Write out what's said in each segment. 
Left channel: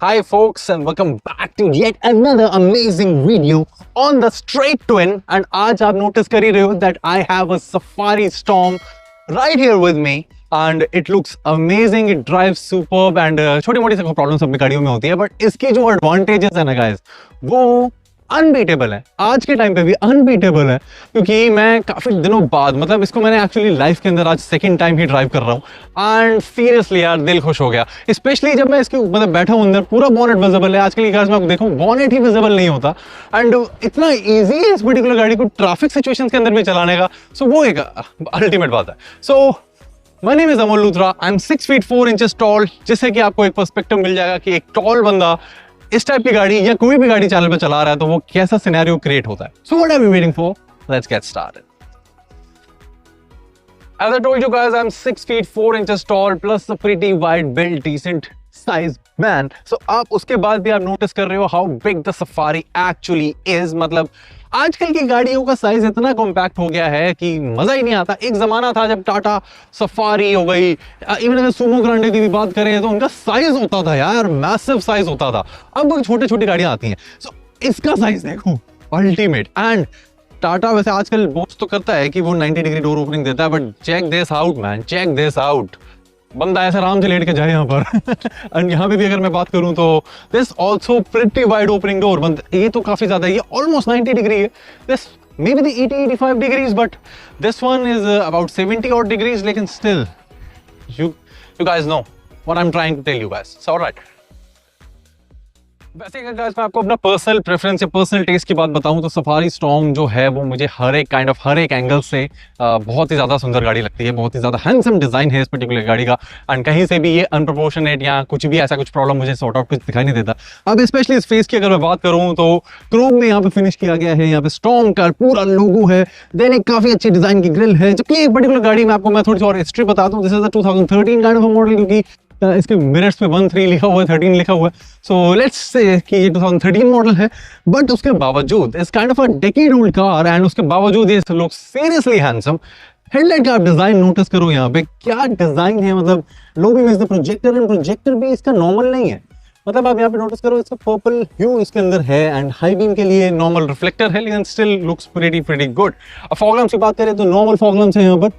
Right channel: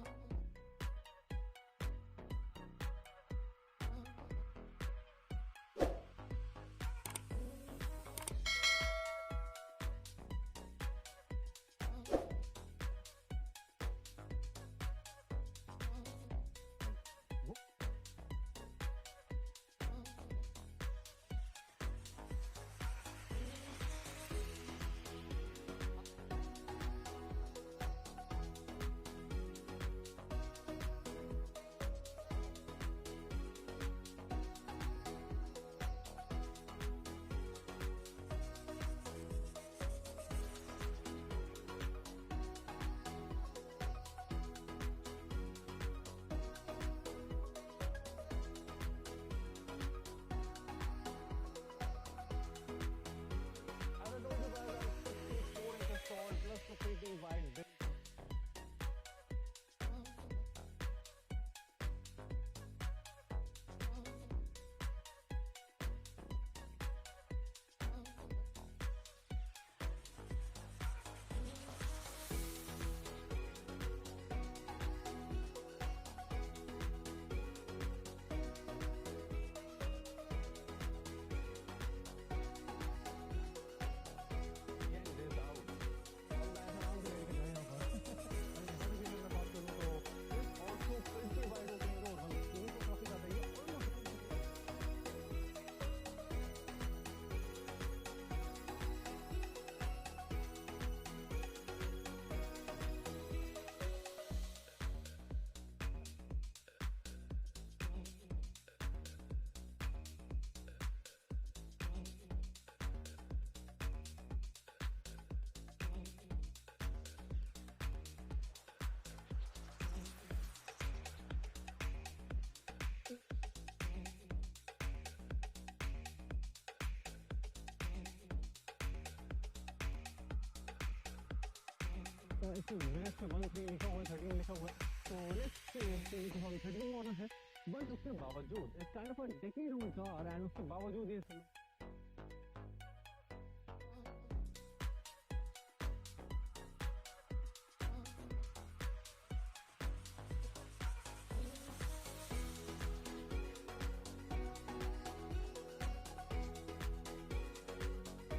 Hi folks and welcome back to yet another amazing video on the Straight Twin and आज आप notice कर ही रहे हो that I have a Safari Storm right here with me and it looks amazing, it drives superb and छोटी मोटी सी problem सब में गाड़ियों में होती है but इसकी जो advantages है ना guys वो अनबीटेबल है। आज के टाइम पे भी अनबीटेबल है क्योंकि मैं काफी दिनों बाद मतलब इसको मैंने एक्चुअली लाइफ के अंदर आज सेकंड टाइम ही ड्राइव कर रहा हूँ एंड सीरियसली यार दिल खुश हो गया। स्पेशली जब मैं इसके मतलब बैठा हूँ अंदर पूरा बॉनेट विजिबल है। आजकल की कार्स में आप देखो बॉनेट ही विजिबल नहीं होता एंड इतना ईजी है इस पर्टिकुलर गाड़ी को ट्रैफिक सिचुएशंस के अंदर भी चलाने का। सो वो एक अल्टीमेट बात है। सो My name is Amol Luthra. I'm 6 feet 4 inches tall, जिससे कि आपको एक पर्सपेक्टिव मिल जाएगा कि एक टॉल बंदा इस टाइप की गाड़ी या कोई भी गाड़ी चैनल पे चला रहा है तो वो कैसा सिनेरियो क्रिएट होता है। So what are we waiting for? Let's get started. As I told you guys, I'm 6 feet 4 inches tall plus a pretty wide build, decent size man. So आप उसके बाद भी आप नोटिस कर रहे हो how big the Safari actually is। मतलब आजकल की गाड़ियों का साइज इतना कॉम्पैक्ट हो गया है कि मजा ही नहीं आता। एक जमाना था जब टाटा सफारी हो गई, इवन अगर सुमो ग्रांडे की भी बात करें तो उनका साइज होता था यार, मैसिव साइज होता था। अब छोटे छोटी गाड़ियां आती हैं। सो इसका साइज देखो अल्टीमेट। एंड टाटा वैसे आजकल बोस्ट तो करता है कि वो 90 डिग्री डोर ओपनिंग देता है but check this out man, check this out. बंदा ऐसे आराम से लेट के जाए यहाँ पर एंड यहाँ पे भी अगर मैं बात करूँ तो this also pretty wide opening door. ये तो काफी ज्यादा है, ये ऑलमोस्ट 90 डिग्री है। This may be the 80-85 degrees but this one is about 70 odd degrees. लेकिन still you guys know what I'm trying to tell you guys. So alright. वैसे अगर गाइस मैं आपको अपना पर्सनल प्रेफरेंस या पर्सनल टेस्ट की बात बताऊं तो सफारी स्टॉर्म जो है वो मुझे हर एक एंगल से बहुत ही ज़्यादा सुंदर गाड़ी लगती है। बहुत ही ज़्यादा हैंडसम डिज़ाइन है इस पर्टिकुलर गाड़ी का एंड कहीं से भी ये अनप्रोपोर्शनेट या कुछ भी ऐसा कुछ प्रॉब्लम मुझे सॉर्ट आउट कुछ दिखाई नहीं देता। अब स्पेशली इस फेस की अगर मैं बात करूँ तो क्रोम में यहाँ पे फिनिश किया गया है, यहाँ पे स्टॉर्म का पूरा लोगो है, देन एक काफ़ी अच्छी डिज़ाइन की ग्रिल है। जबकि एक पर्टिकुलर गाड़ी में आपको मैं थोड़ी सी और हिस्ट्री बताता हूँ। This is 2013 kind of model क्योंकि इसके मिरर्स पे 13 लिखा हुआ है, 13 लिखा हुआ है। सो लेट्स से कि ये 2013 मॉडल है बट उसके बावजूद इस kind of a decade old car and उसके बावजूद ये लोग सीरियसली हैंडसम। हेडलाइट का आप डिजाइन नोटिस करो, यहाँ पे क्या डिजाइन है। मतलब low beam is the projector and projector भी इसका नॉर्मल नहीं है। मतलब आप यहाँ पे नोटिस करो इसका पर्पल ह्यू इसके अंदर है एंड हाई बीम के लिए नॉर्मल रिफ्लेक्टर है लेकिन स्टिल लुक्स प्रीटी गुड। अब फॉग लैम्प्स की बात करें तो नॉर्मल फॉग लैम्प्स है यहाँ पर,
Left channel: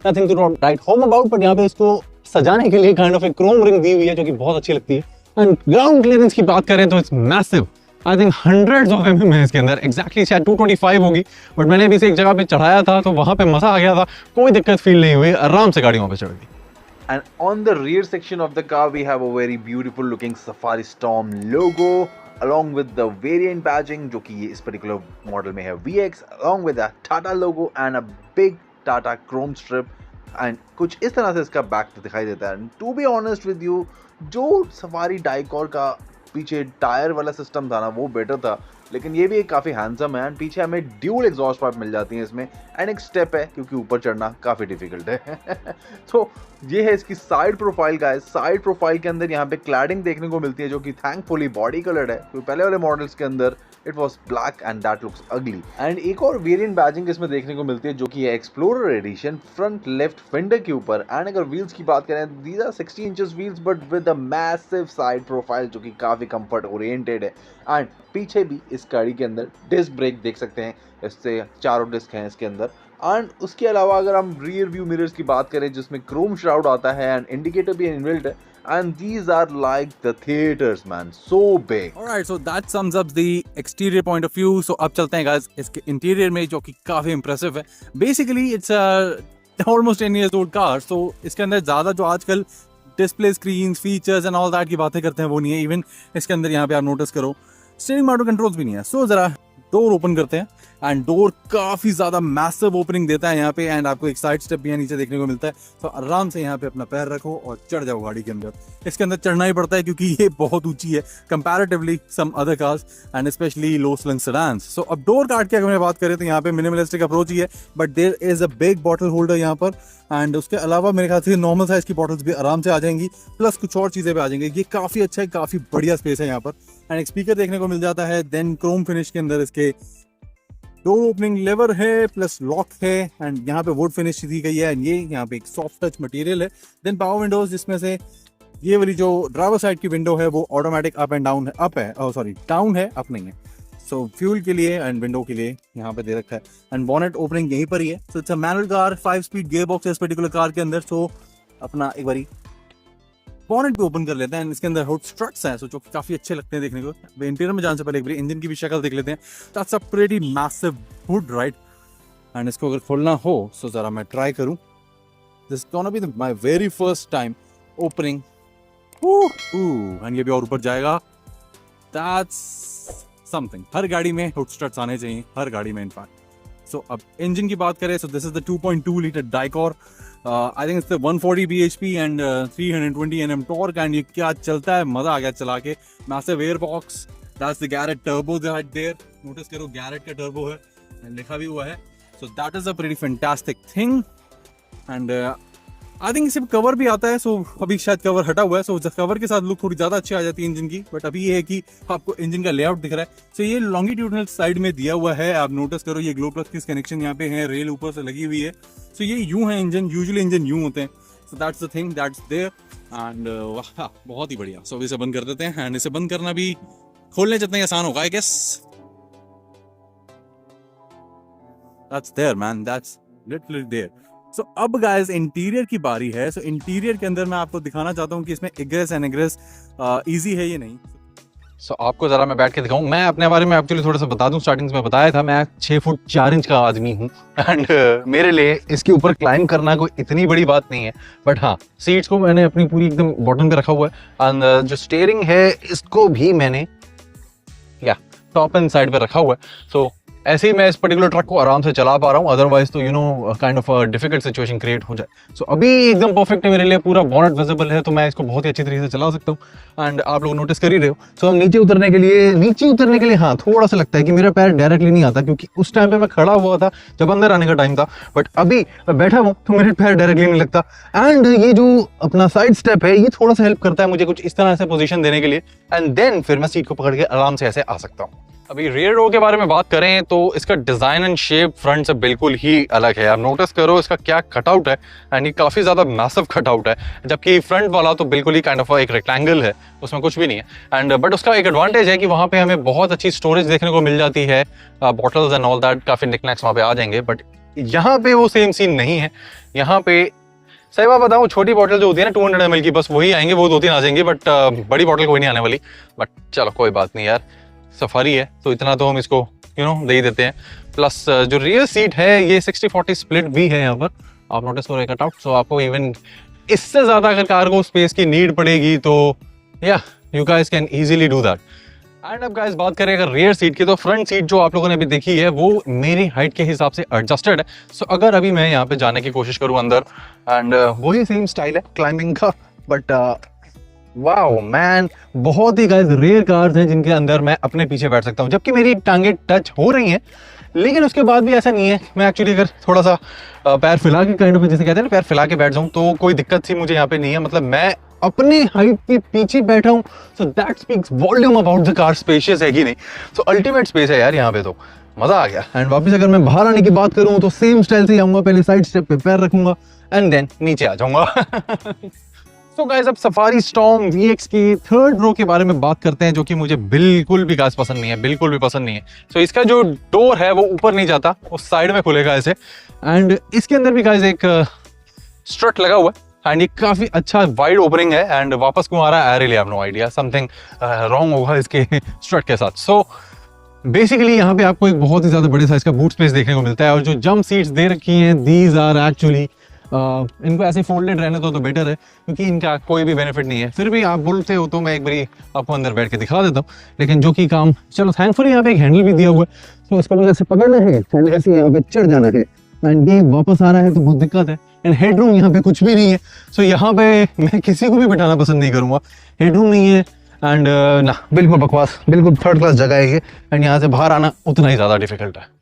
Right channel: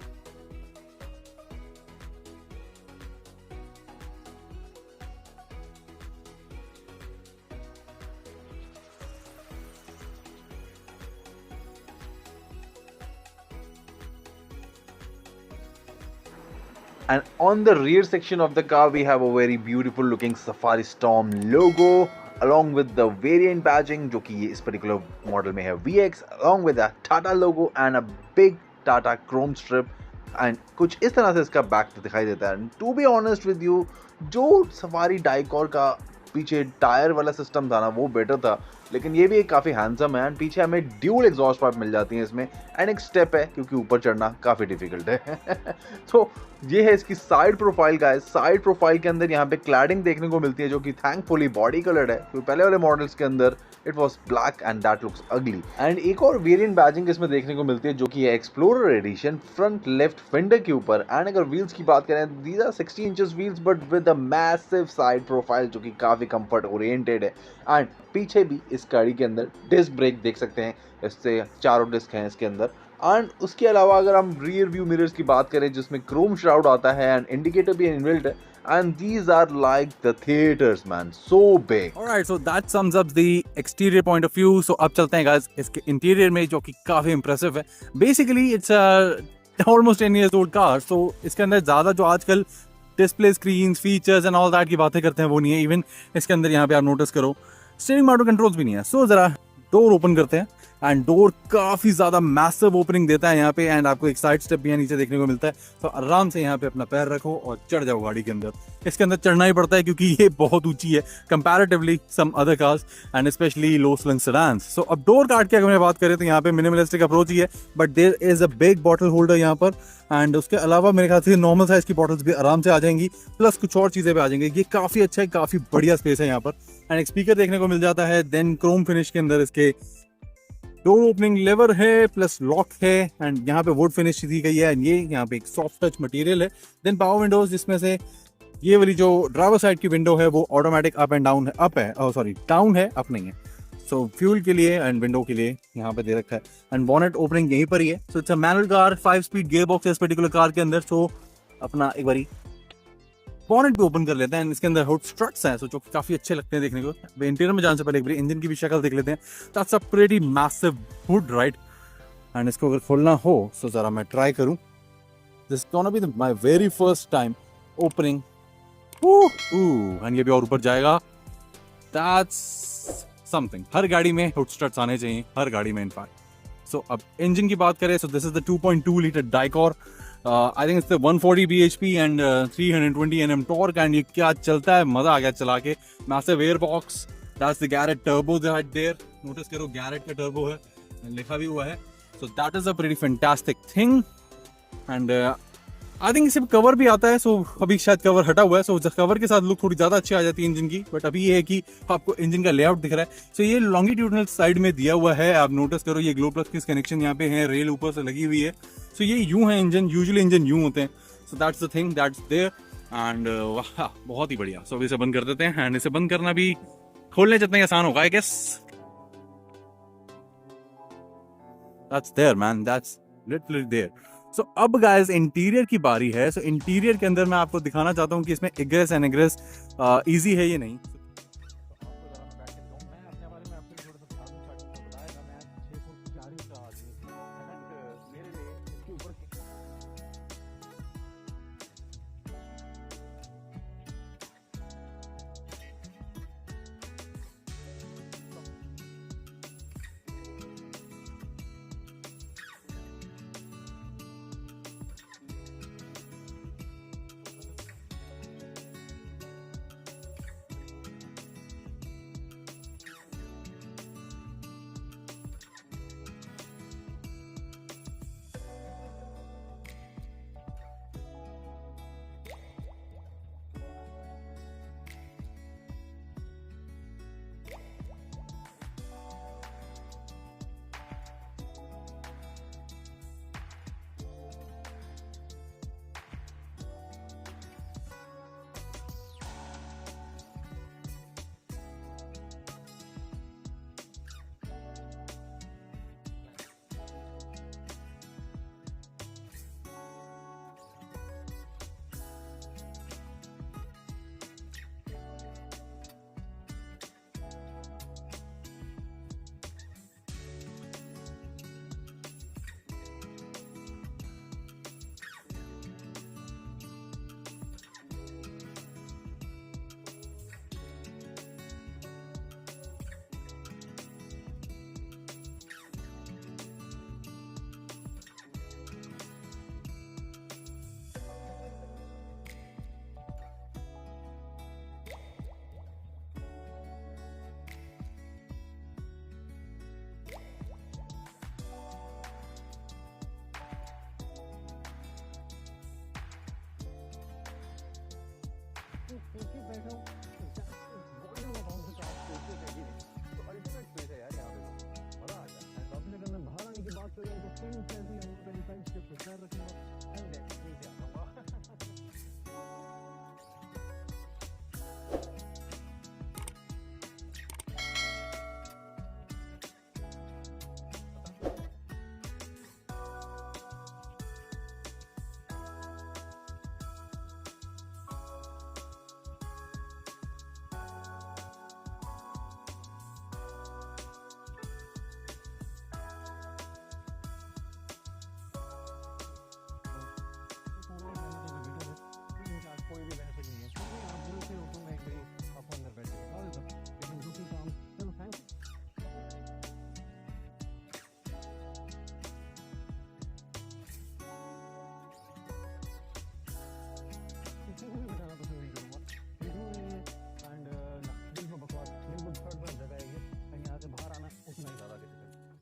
nothing to write home about. But यहाँ पे इसको सजाने के लिए काइंड ऑफ एक क्रोम रिंग दी हुई है जो कि बहुत अच्छी लगती है। एंड ग्राउंड क्लियरेंस की बात करें तो it's massive. I think hundreds of mm है इसके अंदर। एग्जैक्टली शायद 225 होगी बट मैंने अभी से एक जगह पे चढ़ाया था तो वहां पे मजा आ गया था, कोई दिक्कत फील नहीं हुई, आराम से गाड़ी वहां पे चढ़ गई। And on the rear section of the car, we have a very beautiful looking Safari Storm logo along with the variant badging जो कि इस particular model में है VX along with a Tata logo and a big Tata chrome strip and कुछ इस तरह से इसका बैक दिखाई देता है। And to be honest with you, जो सफारी डाइकॉर का पीछे टायर वाला सिस्टम था ना वो बेटर था, लेकिन ये भी एक काफ़ी हैंडसम है एंड पीछे हमें ड्यूल एग्जॉस्ट पाइप मिल जाती हैं इसमें एंड एक स्टेप है क्योंकि ऊपर चढ़ना काफ़ी डिफिकल्ट है। तो ये है इसकी साइड प्रोफाइल का है। साइड प्रोफाइल के अंदर यहाँ पे क्लैडिंग देखने को मिलती है जो कि थैंकफुली बॉडी कलर्ड है क्योंकि पहले वाले मॉडल्स के अंदर it was black and that looks अगली। एंड एक और वेरिएंट बैजिंग इसमें देखने को मिलती है जो कि है explorer edition front left fender के ऊपर। एंड अगर व्हील्स की बात करें these are 60 inches wheels but with a massive side profile जो कि काफ़ी कंफर्ट ओरिएंटेड है। एंड पीछे भी इस गाड़ी के अंदर डिस्क ब्रेक देख सकते हैं, इससे चारों डिस्क हैं इसके अंदर। एंड उसके अलावा अगर हम रियर व्यू मिरर्स की बात करें जिसमें क्रोम श्राउड आता है एंड इंडिकेटर भी इनबिल्ट है and these are like the theaters man, so big. Alright, so that sums up the exterior point of view. So अब चलते हैं guys इसके इंटीरियर में जो कि काफ़ी impressive है। Basically it's a almost 10 years old car, so इसके अंदर ज़्यादा जो आजकल display screen features and all that की बातें करते हैं वो नहीं है। इवन इसके अंदर यहाँ पे आप नोटिस करो स्टीयरिंग मोटर कंट्रोल्स भी नहीं है। सो जरा डोर ओपन करते हैं एंड डोर काफ़ी ज़्यादा मैसिव ओपनिंग देता है यहाँ पे एंड आपको एक साइड स्टेप भी यहाँ नीचे देखने को मिलता है। तो आराम से यहाँ पे अपना पैर रखो और चढ़ जाओ गाड़ी के अंदर। इसके अंदर चढ़ना ही पड़ता है क्योंकि ये बहुत ऊंची है comparatively some other cars and specially low slung sedans. So अब डोर काट के अगर मैं बात करें तो यहाँ पे मिनिमलिस्टिक अप्रोच ही है but there is a big bottle holder यहाँ पर एंड उसके अलावा मेरे ख्याल से नॉर्मल साइज की बॉटल्स भी आराम से आ जाएंगी प्लस कुछ और चीज़ें भी आ जाएंगी। ये काफ़ी अच्छा है, काफ़ी बढ़िया स्पेस है यहाँ पर एंड एक स्पीकर देखने को मिल जाता है। देन क्रोम फिनिश के अंदर इसके डोर ओपनिंग लेवर है प्लस लॉक है एंड यहाँ पे वुड फिनिश दी गई है एंड ये यहाँ पे एक सॉफ्ट टच मटेरियल है। देन पावर विंडोज जिसमें से ये वाली जो ड्राइवर साइड की विंडो है वो ऑटोमेटिक अप एंड डाउन है, अप है, सॉरी डाउन है, अप नहीं है। सो फ्यूल के लिए एंड विंडो के लिए यहाँ पे दे रखा है, एंड बॉनेट ओपनिंग यहीं पर ही है। So it's a manual car, 5 speed gear box है इस पर्टिकुलर कार के अंदर। सो अपना एक बारी बॉनेट भी ओपन कर लेते हैं, इसके अंदर हुड स्ट्रट्स हैं, सो जो कि काफी अच्छे लगते हैं देखने को। इंटीरियर में जाने से पहले एक बार इंजन की भी शक्ल देख लेते हैं। That's a pretty massive hood, right. And इसको अगर खोलना हो सो जरा मैं ट्राई करूं। This gonna be my very first time opening. And ये भी और ऊपर जाएगा। That's something. हर गाड़ी में हुड स्ट्रट्स आने चाहिए, हर गाड़ी में इनफैक्ट। सो अब इंजन की बात करें, so this is the 2.2 litre Dicor. I think it's 140 bhp and 320 Nm torque. And ये क्या चलता है, मजा आ गया चला के। Massive air box, that's the Garrett turbo that there. Notice करो गैरेट का टर्बो है, लिखा भी हुआ है। So that is a pretty fantastic thing. And I think इसे कवर भी आता है। सो अभी शायद कवर हटा हुआ है, सो कवर के साथ लुक थोड़ी ज्यादा अच्छी आ जाती है इंजन की। बट अभी ये है कि आपको इंजन का लेआउट दिख रहा है। सो ये लॉन्गिट्यूडनल साइड में दिया हुआ है, आप नोटिस करो ये ग्लो प्लग की कनेक्शन यहाँ पे है, रेल ऊपर से लगी हुई है। सो ये यूं है इंजन, यूजुअली इंजन यूं होते हैं। So that's the thing that's there. And वाह बहुत ही बढ़िया। सो इसे बंद कर देते हैं, एंड इसे बंद करना भी खोलने जितना आसान होगा I guess. That's there man, that's literally there. So अब guys इंटीरियर की बारी है। So इंटीरियर के अंदर मैं आपको दिखाना चाहता हूँ कि इसमें इग्रेस एंड इग्रेस इजी है या नहीं। सो आपको ज़रा मैं बैठ के दिखाऊं। मैं अपने बारे में एक्चुअली थोड़ा सा बता दूं, स्टार्टिंग में बताया था मैं 6 फुट 4 इंच का आदमी हूं। एंड मेरे लिए इसके ऊपर क्लाइम करना कोई इतनी बड़ी बात नहीं है। बट हाँ, सीट्स को मैंने अपनी पूरी एकदम बॉटम पे रखा हुआ है। एंड जो स्टीयरिंग है इसको भी मैंने टॉप एंड साइड पे रखा हुआ है। सो ऐसे ही मैं इस पर्टिकुलर ट्रक को आराम से चला पा रहा हूँ, अदरवाइज तो you know kind of difficult situation create हो जाए। सो अभी एकदम परफेक्ट है मेरे लिए, पूरा बॉनेट विजिबल है, तो मैं इसको बहुत ही अच्छी तरीके से चला सकता हूँ। एंड आप लोग नोटिस कर ही रहे हो। सो हम नीचे उतरने के लिए हाँ थोड़ा सा लगता है कि मेरा पैर डायरेक्टली नहीं आता, क्योंकि उस टाइम पे मैं खड़ा हुआ था जब अंदर आने का टाइम था। बट अभी मैं बैठा हूँ तो मेरे पैर डायरेक्टली नहीं लगता। एंड ये जो अपना साइड स्टेप है ये थोड़ा सा हेल्प करता है मुझे कुछ इस तरह से पोजीशन देने के लिए। एंड देन फिर मैं सीट को पकड़ के आराम से ऐसे आ सकता हूँ। अभी रियर रो के बारे में बात करें तो इसका डिजाइन एंड शेप फ्रंट से बिल्कुल ही अलग है। आप नोटिस करो इसका क्या कटआउट है, एंड ये काफी ज्यादा मैसिव कटआउट है। जबकि फ्रंट वाला तो बिल्कुल ही काइंड ऑफ एक रेक्टेंगल है, उसमें कुछ भी नहीं है। एंड बट उसका एक एडवांटेज है कि वहाँ पे हमें बहुत अच्छी स्टोरेज देखने को मिल जाती है, बॉटल्स एंड ऑल दैट, काफी निकनैक्स वहाँ पे आ जाएंगे। बट यहाँ पे वो सेम सीन नहीं है। यहाँ पे सही बात बताऊँ, छोटी बॉटल जो होती है ना 200 ml की, बस वही आएंगे, वो 2-3 आ जाएंगे। बट बड़ी बॉटल कोई नहीं आने वाली। बट चलो कोई बात नहीं यार, सफारी है तो इतना तो हम इसको दे ही देते हैं। प्लस जो रियर सीट है ये 60-40 स्प्लिट भी है यहाँ पर, आप नोटिस करो कटआउट। सो आपको इवन इससे ज्यादा अगर कार्गो स्पेस की नीड पड़ेगी तो या you guys can easily do that. And अब गाइस बात करें अगर रियर सीट की, तो फ्रंट सीट जो आप लोगों ने अभी देखी है वो मेरी हाइट के हिसाब से एडजस्टेड है। सो अगर अभी मैं यहाँ पे जाने की कोशिश करूँ अंदर, एंड वही सेम स्टाइल है क्लाइंबिंग का। बट वाओ मैन, बहुत ही गाइस रेयर कार्स हैं जिनके अंदर मैं अपने पीछे बैठ सकता हूँ, जबकि मेरी टांगे टच हो रही हैं। लेकिन उसके बाद भी ऐसा नहीं है, मैं एक्चुअली अगर थोड़ा सा पैर फैला के काइंड ऑफ जैसे कहते हैं ना पैर फैला के बैठ जाऊँ तो कोई दिक्कत सी मुझे यहाँ पे नहीं है। मतलब मैं अपने हाइट के पीछे बैठा हूँ। So that speaks volume about the car spacious है कि नहीं। सो अल्टीमेट स्पेस है यार यहाँ पे, तो मजा आ गया। एंड वापस अगर मैं बाहर आने की बात करूँ तो सेम स्टाइल से आऊँगा, पहले साइड स्टेप पे पैर रखूंगा एंड देन नीचे आ जाऊंगा। तो गाइस अब सफारी स्टॉर्म VX की थर्ड रो के बारे में बात करते हैं, जो कि मुझे बिल्कुल भी गाइस पसंद नहीं है, बिल्कुल भी पसंद नहीं है। सो इसका जो डोर है वो ऊपर नहीं जाता, वो साइड में खुलेगा ऐसे। एंड इसके अंदर भी गाइस एक स्ट्रट लगा हुआ है, एंड ये काफी अच्छा वाइड ओपनिंग है। एंड वापस क्यों आ रहा है I really have no idea, something wrong होगा इसके स्ट्रट के साथ। सो बेसिकली यहाँ पे आपको एक बहुत ही ज्यादा बड़े साइज का बूट स्पेस देखने को मिलता है। और जो जंप सीट्स दे रखी हैं दीज आर एक्चुअली इनको ऐसे फोल्डेड रहने तो बेटर है, क्योंकि इनका कोई भी बेनिफिट नहीं है। फिर भी आप बोलते हो तो मैं एक बारी आपको अंदर बैठ के दिखा देता हूँ, लेकिन जो कि काम चलो थैंकफुली यहाँ पे एक हैंडल भी दिया हुआ है। तो इसको मुझे ऐसे पकड़ना है एंड ऐसे यहाँ पे चढ़ जाना है, एंड ये वापस आ रहा है तो बहुत दिक्कत है। एंड हेडरूम यहाँ पे कुछ भी नहीं है। सो यहाँ पे मैं किसी को भी बिठाना पसंद नहीं करूँगा, हेडरूम नहीं है। एंड ना बिल्कुल बकवास, बिल्कुल थर्ड क्लास जगह है ये। एंड यहाँ से बाहर आना उतना ही ज़्यादा डिफिकल्ट है।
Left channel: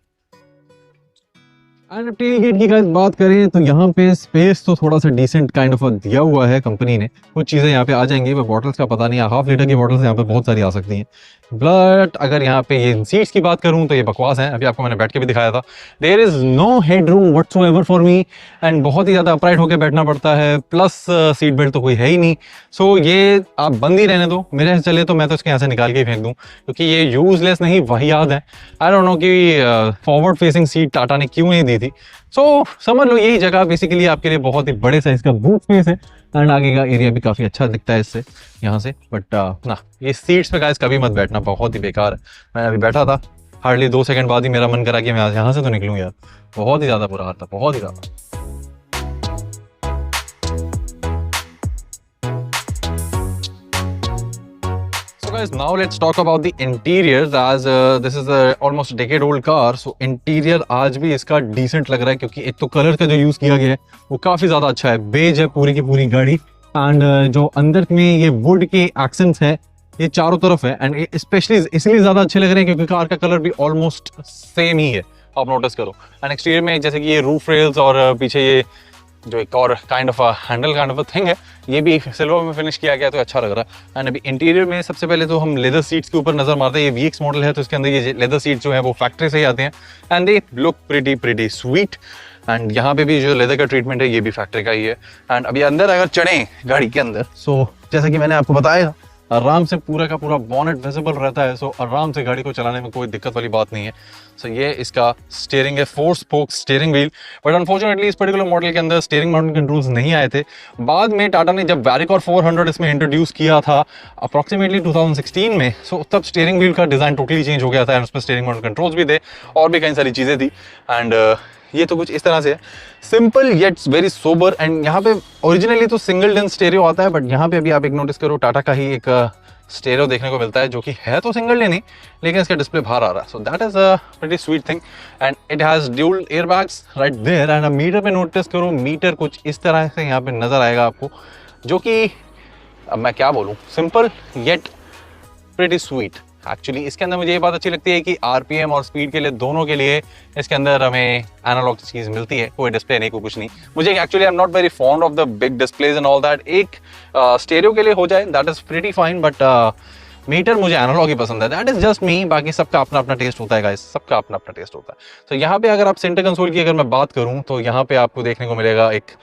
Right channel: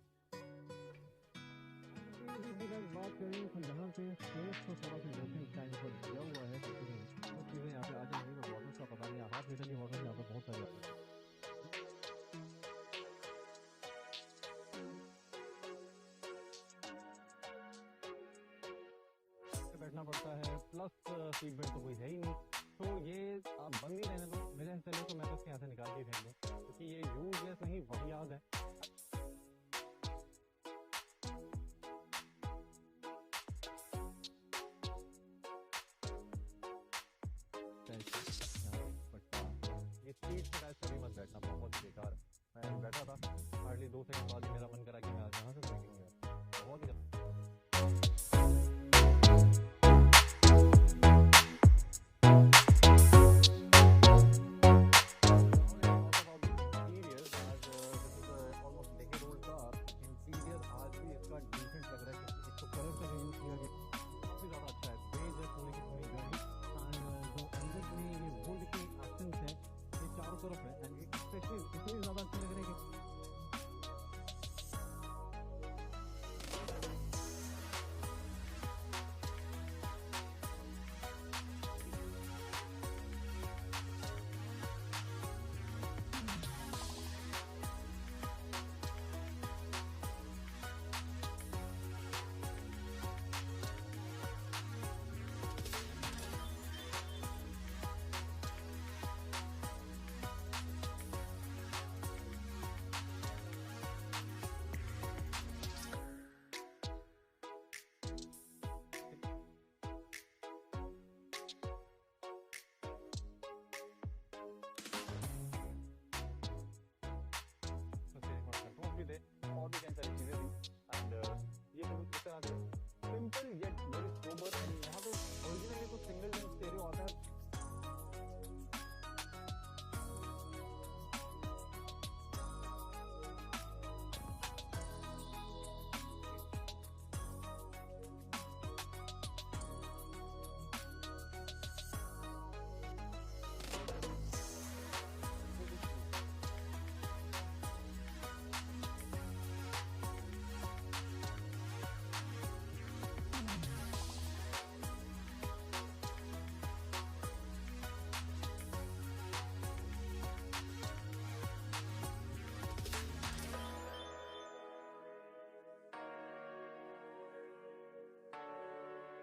एंड टेल गेट की बात करें तो यहाँ पे स्पेस तो थोड़ा सा डिसेंट काइंड ऑफ दिया हुआ है कंपनी ने। कुछ चीज़ें यहाँ पे आ जाएंगी, पर बॉटल्स का पता नहीं है, 1/2 लीटर की बॉटल्स यहाँ पे बहुत सारी आ सकती हैं। बट अगर यहाँ पे ये सीट्स की बात करूँ तो ये बकवास है, अभी आपको मैंने बैठ के भी दिखाया था। There is no headroom whatsoever for me and बहुत ही ज़्यादा अपराइट होकर बैठना पड़ता है, प्लस सीट बेल्ट तो कोई है ही नहीं। सो ये आप बंद ही रहने दो, मेरे से चले तो मैं तो इसके यहाँ से निकाल के ही फेंक दूँ, क्योंकि ये यूजलेस नहीं वाहियात है। आई डोंट नो कि फॉरवर्ड फेसिंग सीट टाटा ने क्यों नहीं दी थी। सो समझ लो यही जगह बेसिकली आपके लिए बहुत ही बड़े साइज का बूट स्पेस है एंड आगे का एरिया भी काफ़ी अच्छा दिखता है इससे यहाँ से। बट ना, ये सीट्स पे गाइस कभी मत बैठना, बहुत ही बेकार है। मैं अभी बैठा था, हार्डली 2 सेकंड बाद ही मेरा मन करा कि मैं यहाँ से तो निकलूँ यार, बहुत ही ज़्यादा बुरा हाल था, बहुत ही ज़्यादा। Guys, now let's talk about the interiors as this is almost a decade old car. So interior आज भी इसका decent लग रहा है, क्योंकि एक तो कलर का जो यूज़ किया गया है वो काफ़ी ज़्यादा अच्छा है, बेज है पूरी की पूरी गाड़ी। एंड जो अंदर में ये वुड के एक्सेंट्स है ये चारों तरफ है, एंड स्पेशली इसलिए ज़्यादा अच्छे लग रहे हैं क्योंकि कार का कलर भी ऑलमोस्ट सेम ही है, आप नोटिस करो। एंड एक्सटीरियर में जैसे कि ये रूफ रेल्स और पीछे ये जो एक और kind of Henle kind of thing है, ये भी सिल्वर में फिनिश किया गया तो अच्छा लग रहा है। एंड अभी इंटीरियर में सबसे पहले तो हम लेदर सीट्स के ऊपर नजर मारते हैं। ये VX मॉडल है तो इसके अंदर ये लेदर सीट जो है वो फैक्ट्री से ही आते हैं and they look pretty sweet. And यहाँ पे भी जो लेदर का ट्रीटमेंट है ये भी फैक्ट्री का ही है। एंड अभी अंदर अगर चढ़े गाड़ी के अंदर, सो जैसा कि मैंने आपको बताया आराम से पूरा का पूरा बॉनेट विजिबल रहता है, सो आराम से गाड़ी को चलाने में कोई दिक्कत वाली बात नहीं है। सो ये इसका स्टीयरिंग है, 4 spoke steering wheel. But unfortunately इस पर्टिकुलर मॉडल के अंदर स्टीयरिंग माउंटेन कंट्रोल्स नहीं आए थे। बाद में टाटा ने जब वैरिकॉर 400 इसमें इंट्रोड्यूस किया था अप्रॉक्सीमेटली 2016 में, सो तब स्टीयरिंग व्हील का डिज़ाइन टोटली चेंज हो गया था एंड उसमें स्टीयरिंग माउंटेन कंट्रोल्स भी थे और भी कई सारी चीज़ें थी। एंड ये तो कुछ इस तरह से है, simple yet very sober. And यहाँ पे ओरिजिनली तो सिंगल डेंस स्टेरियो आता है, बट यहाँ पे अभी आप एक नोटिस करो टाटा का ही एक स्टेरियो देखने को मिलता है जो कि है तो सिंगल डे नहीं, लेकिन इसका डिस्प्ले बाहर आ रहा है। So that is a pretty sweet thing and it has dual air bags right there. And meter पे नोटिस करो, मीटर कुछ इस तरह से यहाँ पे नजर आएगा आपको, जो कि अब मैं क्या बोलूँ, simple yet pretty sweet. Actually इसके अंदर मुझे ये बात अच्छी लगती है कि RPM और स्पीड के लिए दोनों के लिए इसके अंदर हमें एनालॉग चीज़ मिलती है, कोई डिस्प्ले नहीं, कोई कुछ नहीं। मुझे actually I am not very fond of the big displays and all that. एक स्टेरियो के लिए हो जाए that is pretty fine, but meter मुझे एनालॉग ही पसंद है, दैट इज जस्ट मी। बाकी सबका अपना अपना टेस्ट होता है गाइस, सबका अपना अपना टेस्ट होता है। तो यहाँ पे अगर आप सेंटर कंसोल की अगर मैं बात करूँ तो यहाँ पे आपको देखने को मिलेगा एक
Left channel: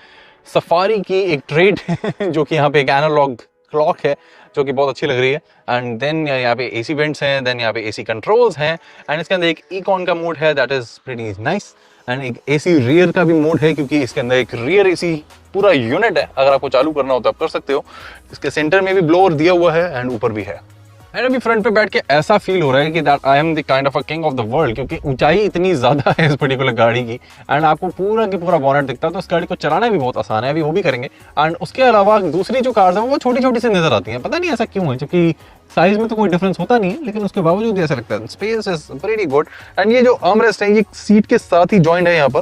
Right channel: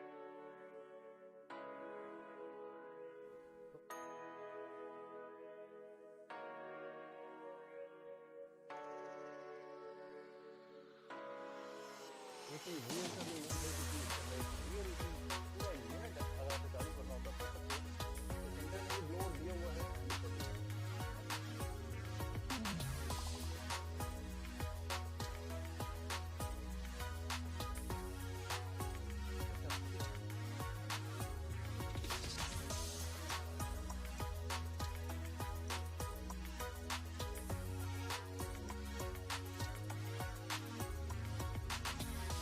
सफारी की एक ट्रेड जो कि यहाँ पे एक एनालॉग क्लॉक है जो कि बहुत अच्छी लग रही है। एंड देन यहाँ पे AC वेंट्स हैं, देन यहाँ पे AC कंट्रोल्स हैं एंड इसके अंदर एक इकॉन का मोड है that is pretty nice. And एक AC रियर का भी मोड है क्योंकि इसके अंदर एक रियर AC पूरा यूनिट है, अगर आपको चालू करना हो तो आप कर सकते हो। इसके सेंटर में भी ब्लोअर दिया हुआ है एंड ऊपर भी है। एंड अभी फ्रंट पे बैठ के ऐसा फील हो रहा है कि that I am the kind of a king of the world, क्योंकि ऊंचाई इतनी ज़्यादा है इस पर्टिकुलर गाड़ी की एंड आपको पूरा की पूरा बॉनेट दिखता है, तो इस गाड़ी को चलाना भी बहुत आसान है, अभी वो भी करेंगे। एंड उसके अलावा दूसरी जो कार्स हैं वो छोटी छोटी सी नजर आती हैं, पता नहीं ऐसा क्यों है, क्योंकि साइज में तो कोई डिफरेंस होता नहीं है, लेकिन उसके बावजूद ऐसा लगता है। Space is pretty good and ये जो आर्मरेस्ट है ये सीट के साथ ही जॉइंट है यहाँ पर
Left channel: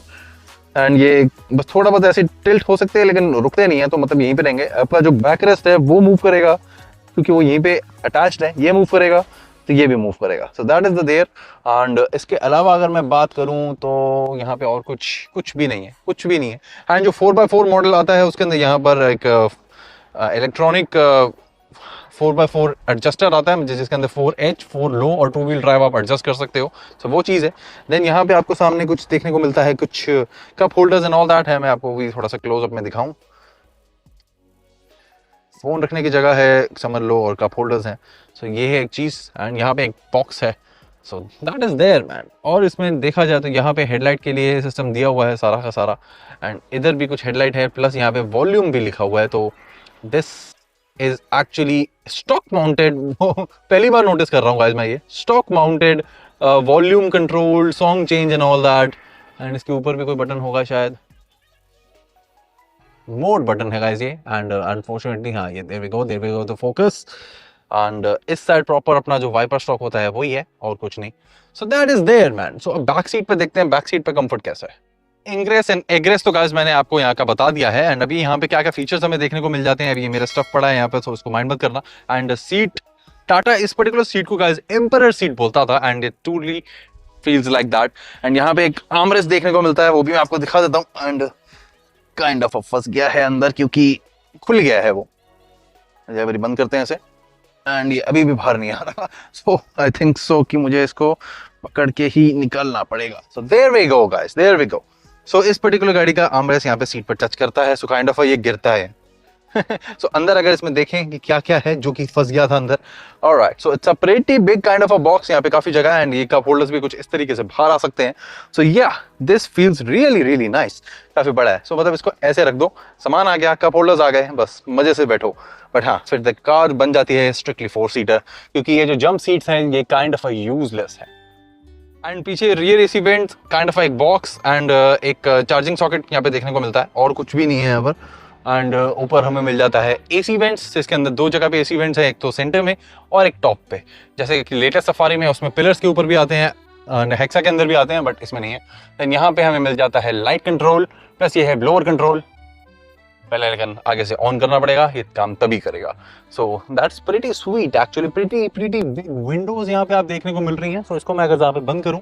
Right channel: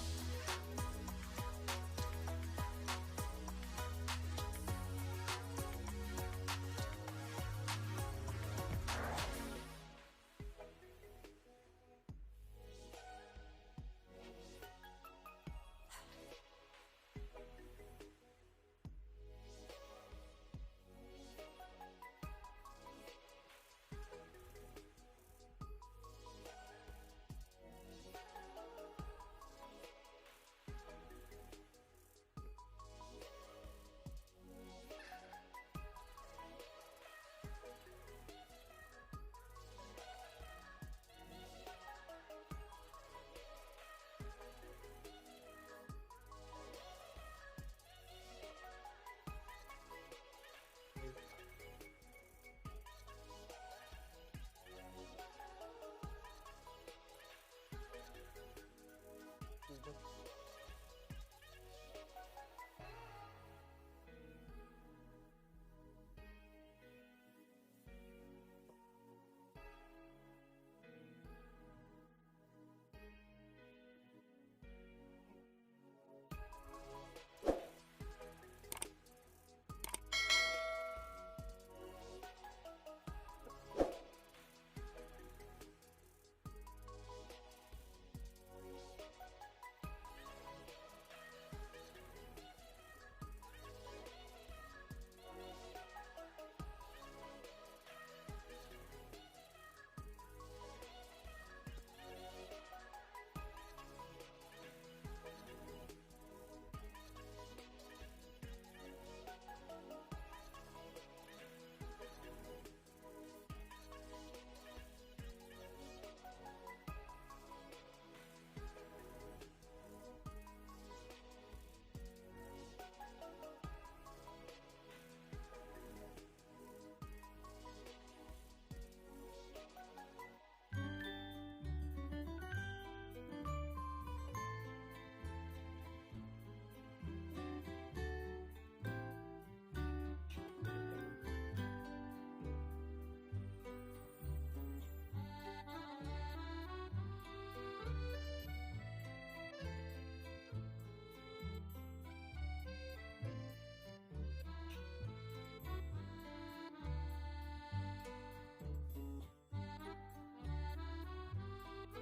एंड ये बस थोड़ा बहुत ऐसे टिल्ट हो सकते हैं लेकिन रुकते नहीं है, तो मतलब यहीं पे रहेंगे। आपका जो बैक रेस्ट है वो मूव करेगा क्योंकि वो यहीं पे अटैच्ड है, ये मूव करेगा तो ये भी मूव करेगा। So that is the there. And इसके अलावा अगर मैं बात करूं तो यहाँ पे और कुछ भी नहीं है, कुछ भी नहीं है। एंड जो 4x4 मॉडल आता है उसके अंदर यहाँ पर एक इलेक्ट्रॉनिक 4x4 एडजस्टर आता है जिसके अंदर 4H 4 लो और 2 व्हील ड्राइव आप एडजस्ट कर सकते हो। सो वो चीज़ है। देन यहाँ पे आपको सामने कुछ देखने को मिलता है, कुछ cup holders and all that है, मैं आपको भी थोड़ा सा क्लोजअप में दिखाऊं। फोन रखने की जगह है समझ लो और कप होल्डर्स हैं। सो ये है एक चीज़ एंड यहाँ पे एक बॉक्स है। So that is there man. और इसमें देखा जाए तो यहाँ पे हेडलाइट के लिए सिस्टम दिया हुआ है सारा का सारा एंड इधर भी कुछ हेडलाइट है, प्लस यहाँ पे वॉल्यूम भी लिखा हुआ है। तो this is actually stock mounted, पहली बार नोटिस कर रहा हूँ गाइस मैं, ये stock mounted volume control song change and all that. And इसके ऊपर भी कोई बटन होगा शायद, मोड बटन है गाइस ये। एंड अनफॉर्चुनेटली हाँ ये there we go the focus. And इस साइड प्रॉपर अपना जो वाइपर स्टॉक होता है वही है और कुछ नहीं। So that is there man. So अब बैक सीट पे देखते हैं, बैक सीट पे कंफर्ट कैसा है। इंग्रेस एंड एग्रेस तो गाइस मैंने आपको यहाँ का बता दिया है एंड अभी यहाँ पे क्या क्या फीचर्स हमें देखने को मिल जाते हैं। अभी ये मेरा स्टफ पड़ा है यहाँ पे तो उसको माइंड मत करना। एंड सीट, टाटा इस पर्टिकुलर सीट को गाइस एम्परर सीट बोलता था and it truly feels like that. And यहाँ पे एक आर्मरेस्ट देखने को मिलता है, वो भी मैं आपको दिखा देता हूँ। एंड काइंड ऑफ फंस गया है अंदर क्योंकि खुल गया है वो। जब बंद करते हैं इसे एंड ये अभी भी बाहर नहीं आ रहा, सो आई थिंक सो कि मुझे इसको पकड़ के ही निकलना पड़ेगा। So there we go guys, there we go. So इस पर्टिकुलर गाड़ी का आर्मरेस्ट यहाँ पे सीट पर टच करता है, सो काइंड ऑफ ये गिरता है। सो अंदर अगर इसमें देखें कि क्या क्या है जो कि फंस गया था अंदर। Alright, so it's a pretty big kind of a box, यहाँ पे काफी जगह है एंड ये कप होल्डर्स भी कुछ इस तरीके से बाहर आ सकते हैं। सो या this feels really really nice, काफी बड़ा है। सो मतलब इसको ऐसे रख दो, सामान आ गया, कप होल्डर्स आ गए, बस मजे से बैठो। बट हाँ, फिर द कार बन जाती है स्ट्रिक्टली 4 सीटर, क्योंकि ये जो जंप सीट्स हैं ये काइंड ऑफ अ यूजलेस है। एंड पीछे rear AC vent, kind of एक बॉक्स एंड एक चार्जिंग सॉकेट यहाँ पे देखने को मिलता है, और कुछ भी नहीं है यहाँ पर। एंड ऊपर हमें मिल जाता है एसी वेंट्स, जिसके अंदर 2 जगह पे एसी वेंट्स है, एक तो सेंटर में और एक टॉप पे। जैसे कि लेटेस्ट सफारी में उसमें पिलर्स के ऊपर भी आते हैं, हेक्सा के अंदर भी आते हैं, बट इसमें नहीं है। देन यहाँ पे हमें मिल जाता है लाइट कंट्रोल, प्लस ये है ब्लोअर कंट्रोल। पहले लेकिन आगे से ऑन करना पड़ेगा, ये काम तभी करेगा। So that's pretty sweet actually, pretty big Windows यहाँ पे आप देखने को मिल रही हैं। सो इसको मैं अगर यहाँ पे बंद करूँ,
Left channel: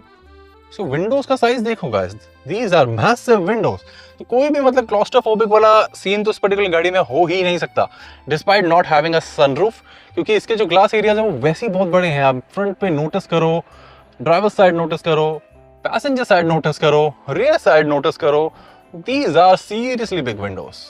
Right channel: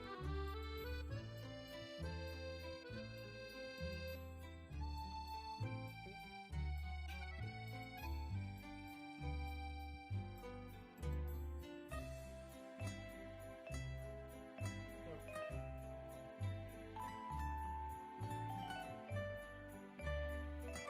सो विंडोज का साइज देखो guys, these are massive windows. तो कोई भी मतलब क्लॉस्ट्रोफोबिक वाला सीन तो इस पर्टिकुलर गाड़ी में हो ही नहीं सकता, despite not having a sunroof, क्योंकि इसके जो ग्लास एरियाज हैं वो वैसे ही बहुत बड़े हैं। आप फ्रंट पे नोटिस करो, ड्राइवर साइड नोटिस करो, पैसेंजर साइड नोटिस करो, रियर साइड नोटिस करो, these are seriously big windows.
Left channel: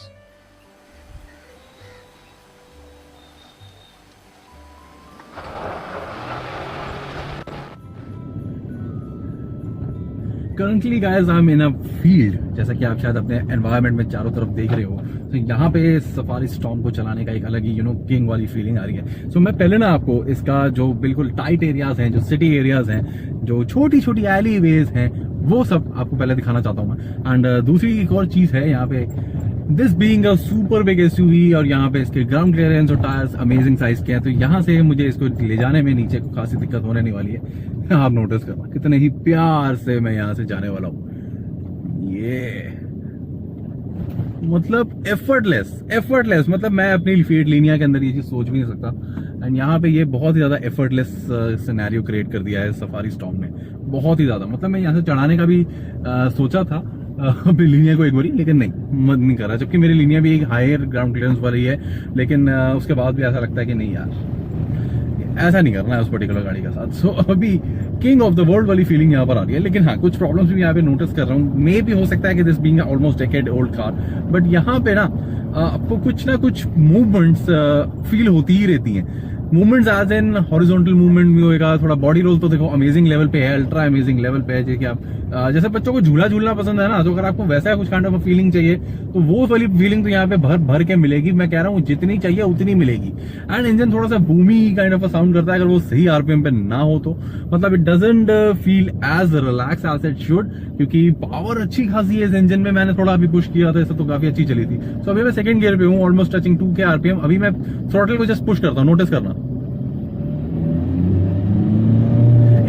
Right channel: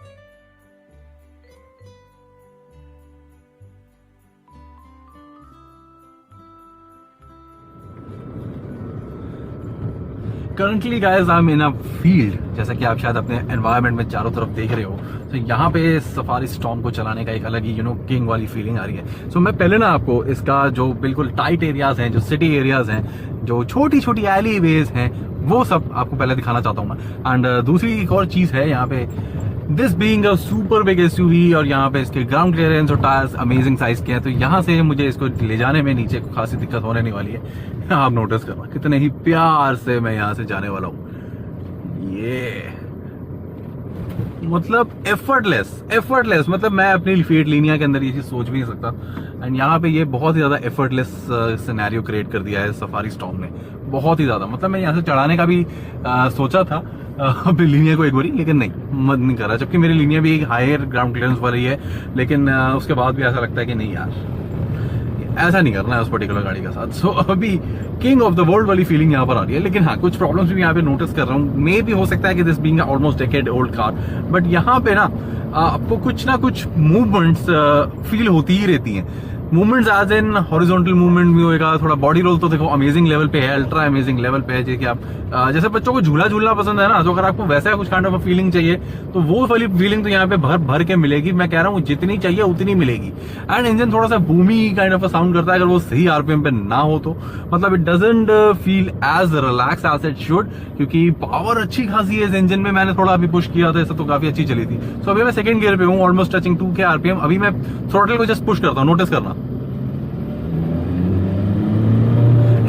Currently guys I am in a field, जैसा कि आप शायद अपने एनवायरनमेंट में चारों तरफ देख रहे हो। तो यहाँ पे सफारी स्टॉर्म को चलाने का एक अलग ही किंग वाली फीलिंग आ रही है। सो मैं पहले ना आपको इसका जो बिल्कुल टाइट एरियाज हैं, जो सिटी एरियाज हैं, जो छोटी छोटी एली वेज हैं, वो सब आपको पहले दिखाना चाहता हूँ मैं। एंड दूसरी एक और चीज है यहाँ पे, this being a super big SUV, और यहाँ पे इसके ग्राउंड क्लियरेंस और टायर्स अमेजिंग साइज के हैं, तो यहाँ से मुझे इसको ले जाने में नीचे को खासी दिक्कत होने नहीं वाली है। आप नोटिस करना कितने ही प्यार से मैं यहाँ से जाने वाला हूँ। ये मतलब एफर्टलेस, मतलब मैं अपनी फीट लिनिया के अंदर ये चीज सोच भी नहीं सकता। एंड यहाँ पे ये बहुत ही ज्यादा एफर्टलेस सिनेरियो क्रिएट कर दिया है सफारी स्टॉर्म ने, बहुत ही ज्यादा। मतलब मैं यहाँ से चढ़ाने का भी सोचा था अपनी लिनिया को एक बारी, लेकिन नहीं करा, जबकि मेरी लिनिया भी एक हायर ग्राउंड क्लियरेंस वाली है, लेकिन उसके बाद भी ऐसा लगता है कि नहीं यार, ऐसा नहीं करना है उस पर्टिकुलर गाड़ी के साथ। सो अभी किंग ऑफ द वर्ल्ड वाली फीलिंग यहाँ पर आ रही है। लेकिन हाँ, कुछ प्रॉब्लम्स भी यहाँ पे नोटिस कर रहा हूँ। मे भी हो सकता है कि this being almost decade old car, but यहाँ पे ना आपको कुछ ना कुछ मूवमेंट्स फील होती ही रहती हैं। Movements as in horizontal movement भी होएगा, थोड़ा बॉडी रोल तो देखो अमेजिंग लेवल पे है, अल्ट्रा अमेजिंग लेवल पे है। जैसे कि आप जैसे बच्चों को झूला झूलना पसंद है ना, तो अगर आपको वैसा कुछ काइंड ऑफ फीलिंग चाहिए तो वो वाली फीलिंग तो यहाँ पे भर भर के मिलेगी। मैं कह रहा हूँ जितनी चाहिए उतनी मिलेगी। एंड इंजन थोड़ा सा बूमी काइंड ऑफ साउंड करता है अगर वो सही आरपीएम पे ना हो तो, मतलब it doesn't feel as relax as it should, क्योंकि पावर अच्छी खासी है इस इंजन में। मैंने थोड़ा अभी पुश किया था, इससे तो काफी अच्छी चली थी। सो अभी मैं सेकंड गियर पे हूँ, ऑलमोस्ट टचिंग 2 के आरपीएम। अभी मैं थ्रॉटल को जस्ट पुश करता हूँ, नोटिस करना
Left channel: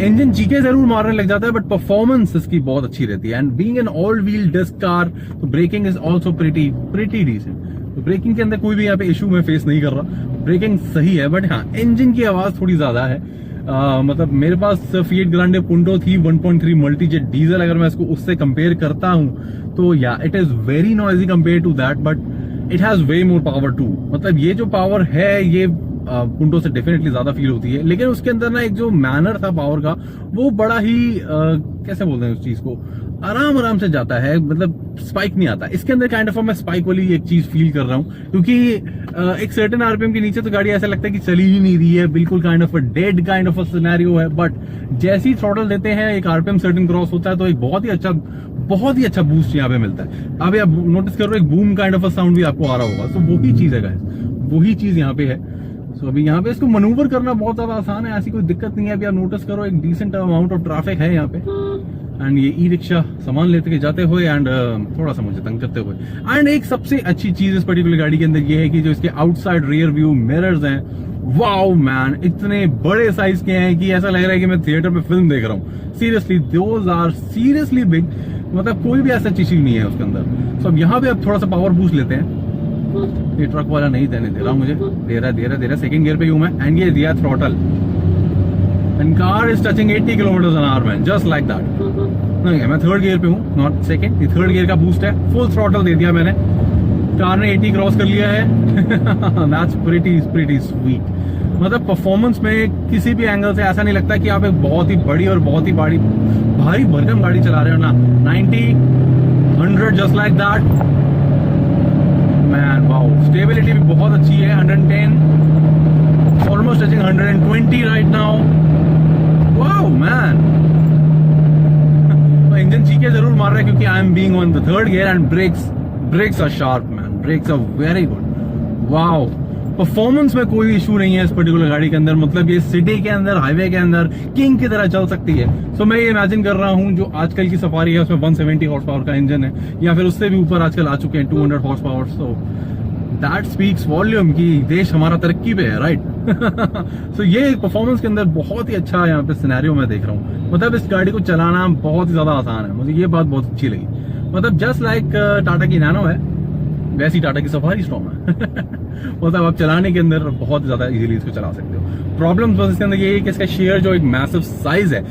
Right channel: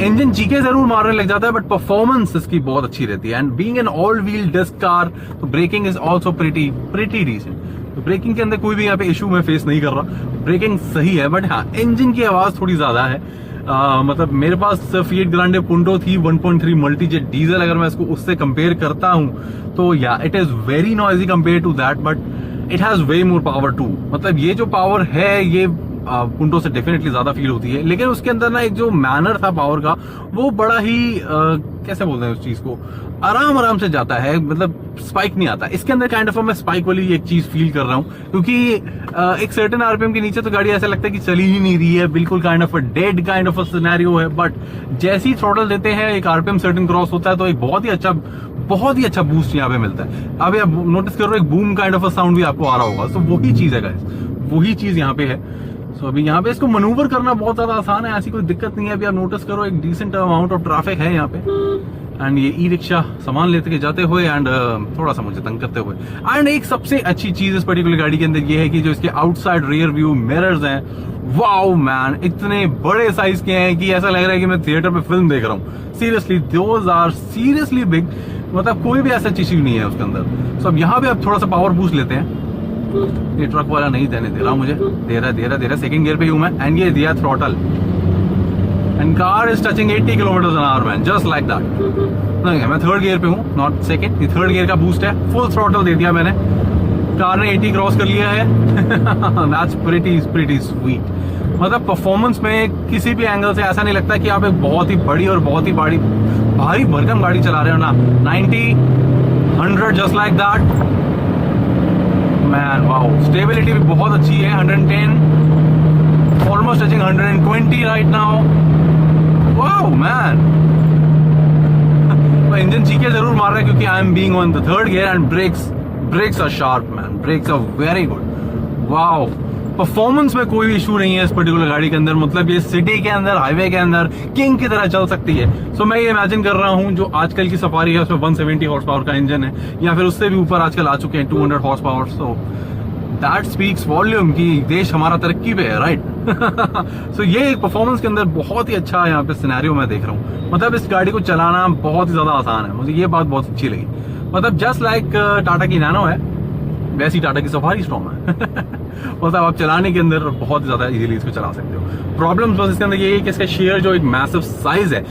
इंजन चीखे जरूर मारने लग जाता है, बट परफॉर्मेंस इसकी बहुत अच्छी रहती है। And being an all wheel disc car, तो braking is also pretty decent. तो ब्रेकिंग के अंदर कोई भी यहाँ पे इशू मैं फेस नहीं कर रहा, ब्रेकिंग सही है। बट हाँ, इंजन की आवाज थोड़ी ज्यादा है। मतलब मेरे पास फिएट ग्रांडे पुंटो थी 1.3 मल्टीजेट डीजल, अगर मैं इसको उससे कंपेयर करता हूँ तो या it is very noisy compare to that, but it has way more power too. मतलब ये जो पावर है ये पुंटो से डेफिनेटली ज्यादा फील होती है, लेकिन उसके अंदर ना एक जो मैनर था पावर का, वो बड़ा ही कैसे बोलते हैं उस चीज को, आराम से जाता है, मतलब स्पाइक नहीं आता। इसके अंदर काइंड ऑफ मैं स्पाइक वाली एक चीज फील कर रहा हूँ, क्योंकि एक सर्टेन आरपीएम के नीचे तो गाड़ी ऐसा लगता है कि चली ही नहीं रही है, बिल्कुल kind of dead kind of scenario है। बट जैसे ही थ्रॉटल देते हैं, एक आरपीएम सर्टेन क्रॉस होता है, तो एक बहुत ही अच्छा बूस्ट यहाँ पे मिलता है। अभी आप नोटिस कर रहे हो एक बूम काइंड ऑफ साउंड भी आपको आ रहा होगा। तो वही चीज है गाइस, वही चीज यहाँ पे है। तो अभी यहाँ पे इसको मनूवर करना बहुत ज्यादा आसान है, ऐसी कोई दिक्कत नहीं है। अभी आप नोटिस करो एक डिसेंट अमाउंट ऑफ ट्रैफिक है यहाँ पे, एंड ये ई रिक्शा सामान लेते के जाते हुए एंड थोड़ा सा मुझे तंग करते हुए। एंड एक सबसे अच्छी चीज इस पर्टिकुलर गाड़ी के अंदर ये है कि जो इसके आउटसाइड रियर व्यू मिरर्स हैं, वाओ मैन, इतने बड़े साइज के हैं कि ऐसा लग रहा है कि मैं थिएटर में फिल्म देख रहा हूँ। Seriously, those are seriously big, मतलब कोई भी ऐसा चीज नहीं है उसके अंदर। सो अब यहाँ पे आप थोड़ा सा पावर बूस्ट लेते हैं। ये ट्रक वाला नहीं देने दे रहा मुझे, दे रहा सेकंड गियर पे हूं मैं, एंड ये दिया throttle, and car is touching 80 km/h man, just like that. नहीं, मैं थर्ड गियर पे हूँ, नॉट सेकंड, ये थर्ड गियर का बूस्ट है। फुल थ्रॉटल दे दिया मैंने, कार ने 80 क्रॉस कर लिया है। That's pretty sweet. मतलब परफॉर्मेंस में किसी भी एंगल से ऐसा नहीं लगता कि आप एक बहुत ही बड़ी और बहुत ही भारी भरकम गाड़ी चला रहे हो ना। 90, 100 just like that man, wow. Stability भी बहुत अच्छी है, 110, almost touching 120 right now, wow man. Engine चीखे जरूर मार रहा है क्योंकि I am being on the third gear and brakes are sharp man, brakes are very good, wow. Performance में कोई इशू नहीं है इस पर्टिकुलर गाड़ी के अंदर, मतलब ये सिटी के अंदर, हाईवे के अंदर किंग की तरह चल सकती है। सो मैं ये इमेजिन कर रहा हूँ जो आजकल की सफारी है उसमें 170 हॉर्स पावर का इंजन है, या फिर उससे भी ऊपर आजकल आ चुके हैं 200 horse power. So that speaks volume कि देश हमारा तरक्की पे है, राइट। सो ये परफॉर्मेंस के अंदर बहुत ही अच्छा यहाँ पे सिनेरियो मैं देख रहा हूँ। मतलब इस गाड़ी को चलाना बहुत ही ज्यादा आसान है, मुझे ये बात बहुत अच्छी लगी। मतलब जस्ट लाइक टाटा की नैनो है, वैसी टाटा की सफारी स्टॉर्म है। मतलब आप चलाने के अंदर बहुत ज्यादा इजीली इसको चला सकते हो। प्रॉब्लम्स बस इसके अंदर ये है कि इसका शेयर जो एक मैसिव साइज है,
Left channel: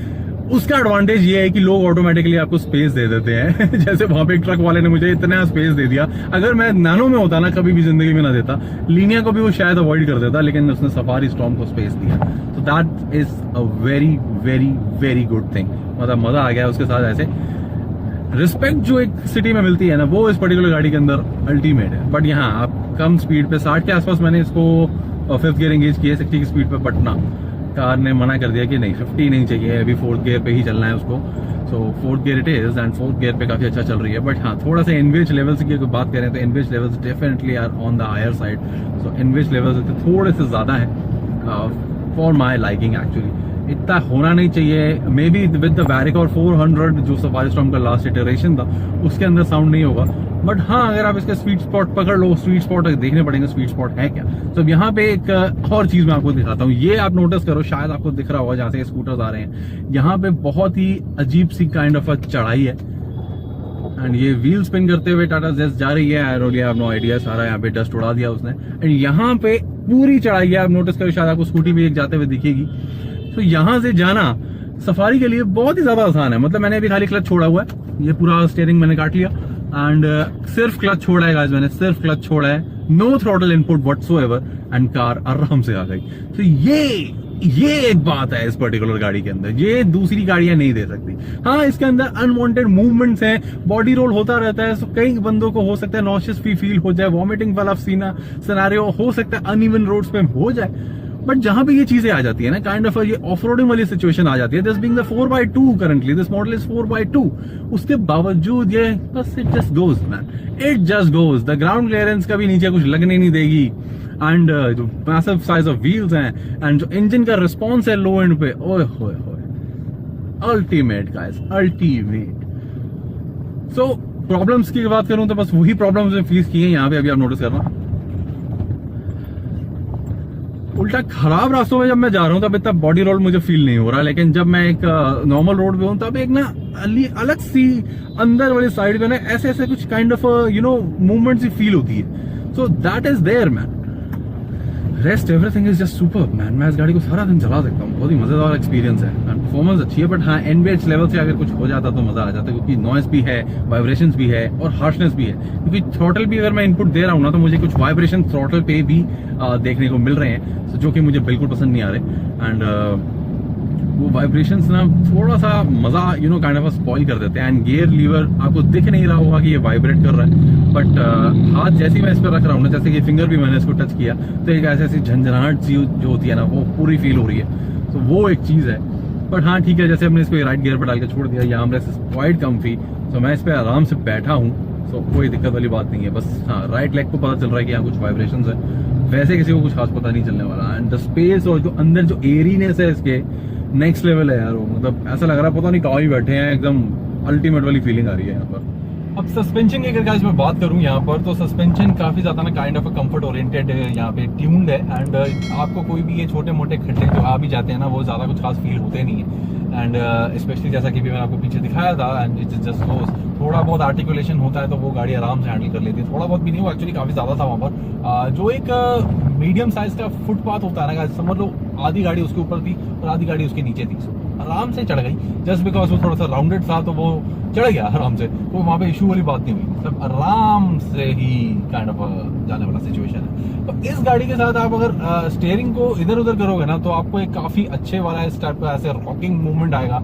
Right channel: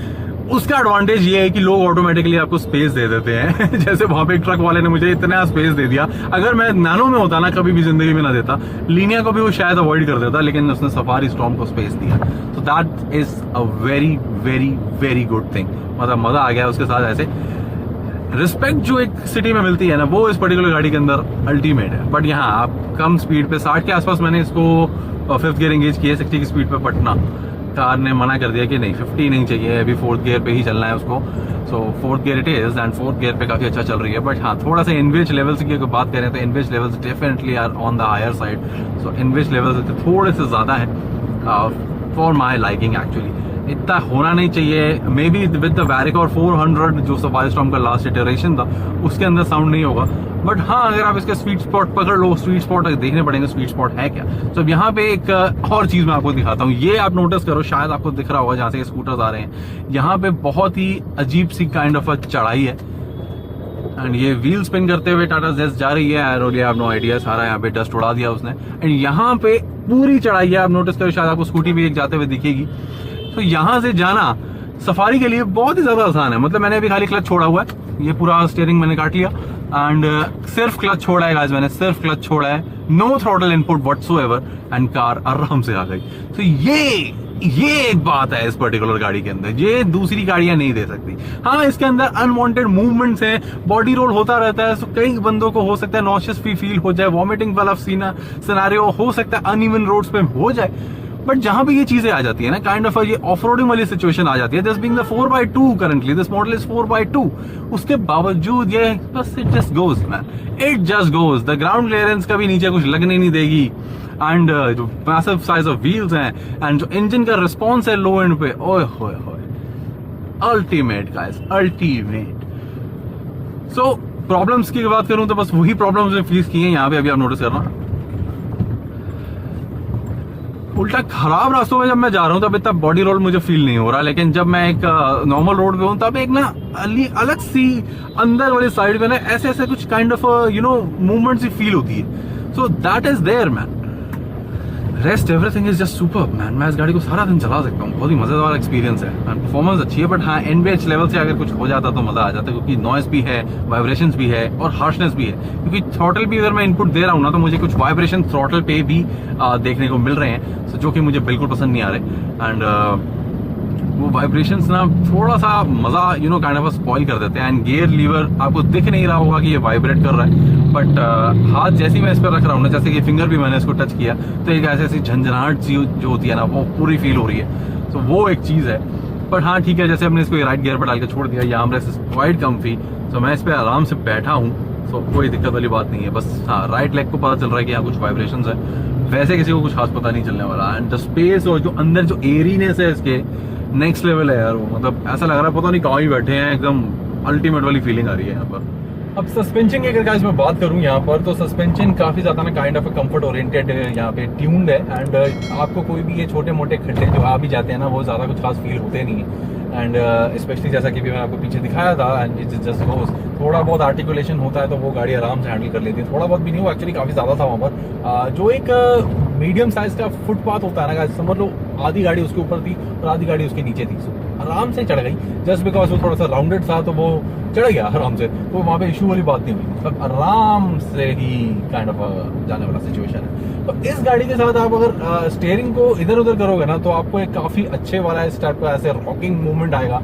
उसका एडवांटेज ये है कि लोग ऑटोमेटिकली आपको स्पेस दे देते हैं। जैसे वहां पे एक ट्रक वाले ने मुझे इतना स्पेस दे दिया, अगर मैं नैनो में होता ना कभी भी जिंदगी में ना देता, लीनिया को भी वो शायद अवॉइड कर देता, लेकिन उसने सफारी स्टॉर्म को स्पेस दिया। सो that is a very very very good thing. मतलब मजा आ गया उसके साथ। ऐसे रिस्पेक्ट जो एक सिटी में मिलती है ना, वो इस पर्टिकुलर गाड़ी के अंदर अल्टीमेट है। बट यहाँ आप कम स्पीड पे 60 के आसपास मैंने इसको 5th गियर एंगेज किया, 60 की स्पीड पे पटना कार ने मना कर दिया कि नहीं 50 नहीं चाहिए, अभी 4th गियर पे ही चलना है उसको। सो 4th gear it is, and 4th gear पे काफी अच्छा चल रही है। बट हाँ, थोड़ा सा इनविच लेवल्स की अगर बात करें तो NVH levels definitely are on the higher side. So NVH levels थोड़े से ज्यादा है फॉर माई लाइकिंग एक्चुअली। इतना होना नहीं चाहिए। मे बी विद द वैरिकोर 400 जो सफारी स्टॉर्म का लास्ट इटरेशन था उसके अंदर साउंड नहीं होगा। बट हाँ, अगर आप इसके स्वीट स्पॉट पकड़ लो, स्वीट स्पॉट देखने पड़ेंगे स्वीट स्पॉट है क्या। तो अब यहाँ पे एक और चीज मैं आपको दिखाता हूँ, ये आप नोटिस करो, शायद आपको दिख रहा होगा जहाँ से स्कूटर्स आ रहे हैं। यहाँ पे बहुत ही अजीब सी काइंड ऑफ चढ़ाई है, एंड ये व्हील स्पिन करते हुए टाटा जेस्ट जा रही है। I really have no idea, सारा यहाँ पे डस्ट उड़ा दिया उसने। एंड यहाँ पे पूरी चढ़ाई है, आप नोटिस करो, शायद आपको स्कूटी भी एक जाते हुए दिखेगी। तो यहाँ से जाना सफारी के लिए बहुत ही ज्यादा आसान है। मतलब मैंने अभी खाली क्लच छोड़ा हुआ है, ये पूरा स्टीयरिंग मैंने काट लिया, एंड सिर्फ क्लच छोड़ा है गाइस, मैंने सिर्फ क्लच छोड़ा है, no throttle input whatsoever, and car आराम से आ गई। तो ये एक बात है इस पर्टिकुलर गाड़ी के अंदर, ये दूसरी गाड़ियां नहीं दे सकती। हाँ, इसके अंदर अनवांटेड मूवमेंट्स हैं, बॉडी रोल होता रहता है, तो कई बंदों को हो सकता है नॉशियस फील हो जाए, वॉमिटिंग वाला सिनेरियो हो सकता है, अनइवन रोड्स पे हो जाए। बट जहां पे ये चीजें आ जाती है ना, काइंड ऑफ ये ऑफ रोडिंग वाली सिचुएशन आ जाती है, this being the 4x2 currently, this model is 4x2, उसके बावजूद ये बस it just goes man, it just goes. The ground clearance का भी नीचे कुछ लगने नहीं देगी, एंड जो मैसिव साइज ऑफ व्हील्स हैं, एंड जो इंजन का रिस्पॉन्स है लो एंड पे, ओए होए होए, अल्टीमेट गाइस, अल्टीमेट। सो प्रॉब्लम्स की बात करूं तो बस वही प्रॉब्लम्स में फेस की है यहाँ पे, अभी आप नोटिस करना। उल्टा खराब रास्तों में जब मैं जा रहा हूँ तब इतना बॉडी रोल मुझे फील नहीं हो रहा, लेकिन जब मैं एक नॉर्मल रोड पे हूँ तब एक ना अलग सी अंदर वाली साइड पे ना ऐसे ऐसे कुछ काइंड ऑफ मूवमेंट सी फील होती है। So that is there man, rest everything is just superb man. मैं इस गाड़ी को सारा दिन चला सकता हूँ, बहुत ही मजेदार एक्सपीरियंस है, परफॉर्मेंस अच्छी है। बट हाँ, एनवीएच लेवल से अगर कुछ हो जाता तो मजा आ जाता, क्योंकि नॉइस भी है, वाइब्रेशंस भी है और हार्शनेस भी है। क्योंकि थ्रॉटल भी अगर मैं इनपुट दे रहा हूँ ना, तो मुझे कुछ वाइब्रेशन थ्रॉटल पे भी देखने को मिल रहे हैं, जो कि मुझे बिल्कुल पसंद नहीं आ रहे। एंड वो वाइब्रेशंस ना थोड़ा सा मजा काइंड ऑफ स्पॉइल कर देते हैं। एंड गियर लीवर आपको दिख नहीं रहा होगा कि ये वाइब्रेट कर रहा है, बट हाथ जैसे मैं इस पर रख रहा हूँ ना, जैसे कि फिंगर भी मैंने इसको टच किया, तो एक ऐसी झंझनाहट सी जो होती है ना, वो पूरी फील हो रही है। तो वो एक चीज है। बट हाँ ठीक है, जैसे हमने इसको राइट गियर पर डाल के छोड़ दिया, ये आर्मरेस्ट इज क्वाइट कम्फी, तो मैं इस पर आराम से बैठा हूँ, तो कोई दिक्कत वाली बात नहीं है। बस हाँ, राइट लेग को पता चल रहा है कि यहाँ कुछ वाइब्रेशंस है, वैसे किसी को कुछ खास पता नहीं चलने वाला। एंड द स्पेस और जो अंदर जो एरीनेस है इसके, नेक्स्ट लेवल है यार वो। मतलब ऐसा लग रहा है पता नहीं कहाँ ही बैठे हैं, एकदम अल्टीमेट वाली फीलिंग आ रही है यहाँ पर। अब सस्पेंशन की अगर गाइस मैं बात करूँ यहाँ पर, तो सस्पेंशन काफी ज्यादा ना काइंड ऑफ कंफर्ट ओरिएंटेड यहाँ पे ट्यून्ड है। एंड आपको कोई भी ये छोटे मोटे खड्डे जो आ भी जाते हैं ना, वो ज्यादा कुछ खास फील होते नहीं है। एंड स्पेशली जैसा कि भी मैंने आपको पीछे दिखाया था, एंड इट जस्ट गोज, थोड़ा बहुत आर्टिकुलेशन होता है तो वो गाड़ी आराम से हैंडल कर लेती है। थोड़ा बहुत भी नहीं, वो एक्चुअली काफी ज्यादा था वहाँ पर। जो एक मीडियम साइज का फुटपाथ होता है ना, समझ लो आधी गाड़ी उसके ऊपर थी और आधी गाड़ी उसके नीचे थी। आराम से चढ़ गई, जस्ट बिकॉज वो थोड़ा सा राउंडेड था तो वो चढ़ गया आराम से, तो वहाँ पे इशू वाली बात नहीं हुई, मतलब आराम से ही काइंड ऑफ जाने वाला सिचुएशन है। तो इस गाड़ी के साथ आप अगर स्टीयरिंग को इधर उधर करोगे ना तो आपको एक काफी अच्छे वाला इस टाइप का ऐसे रॉकिंग मूवमेंट आएगा,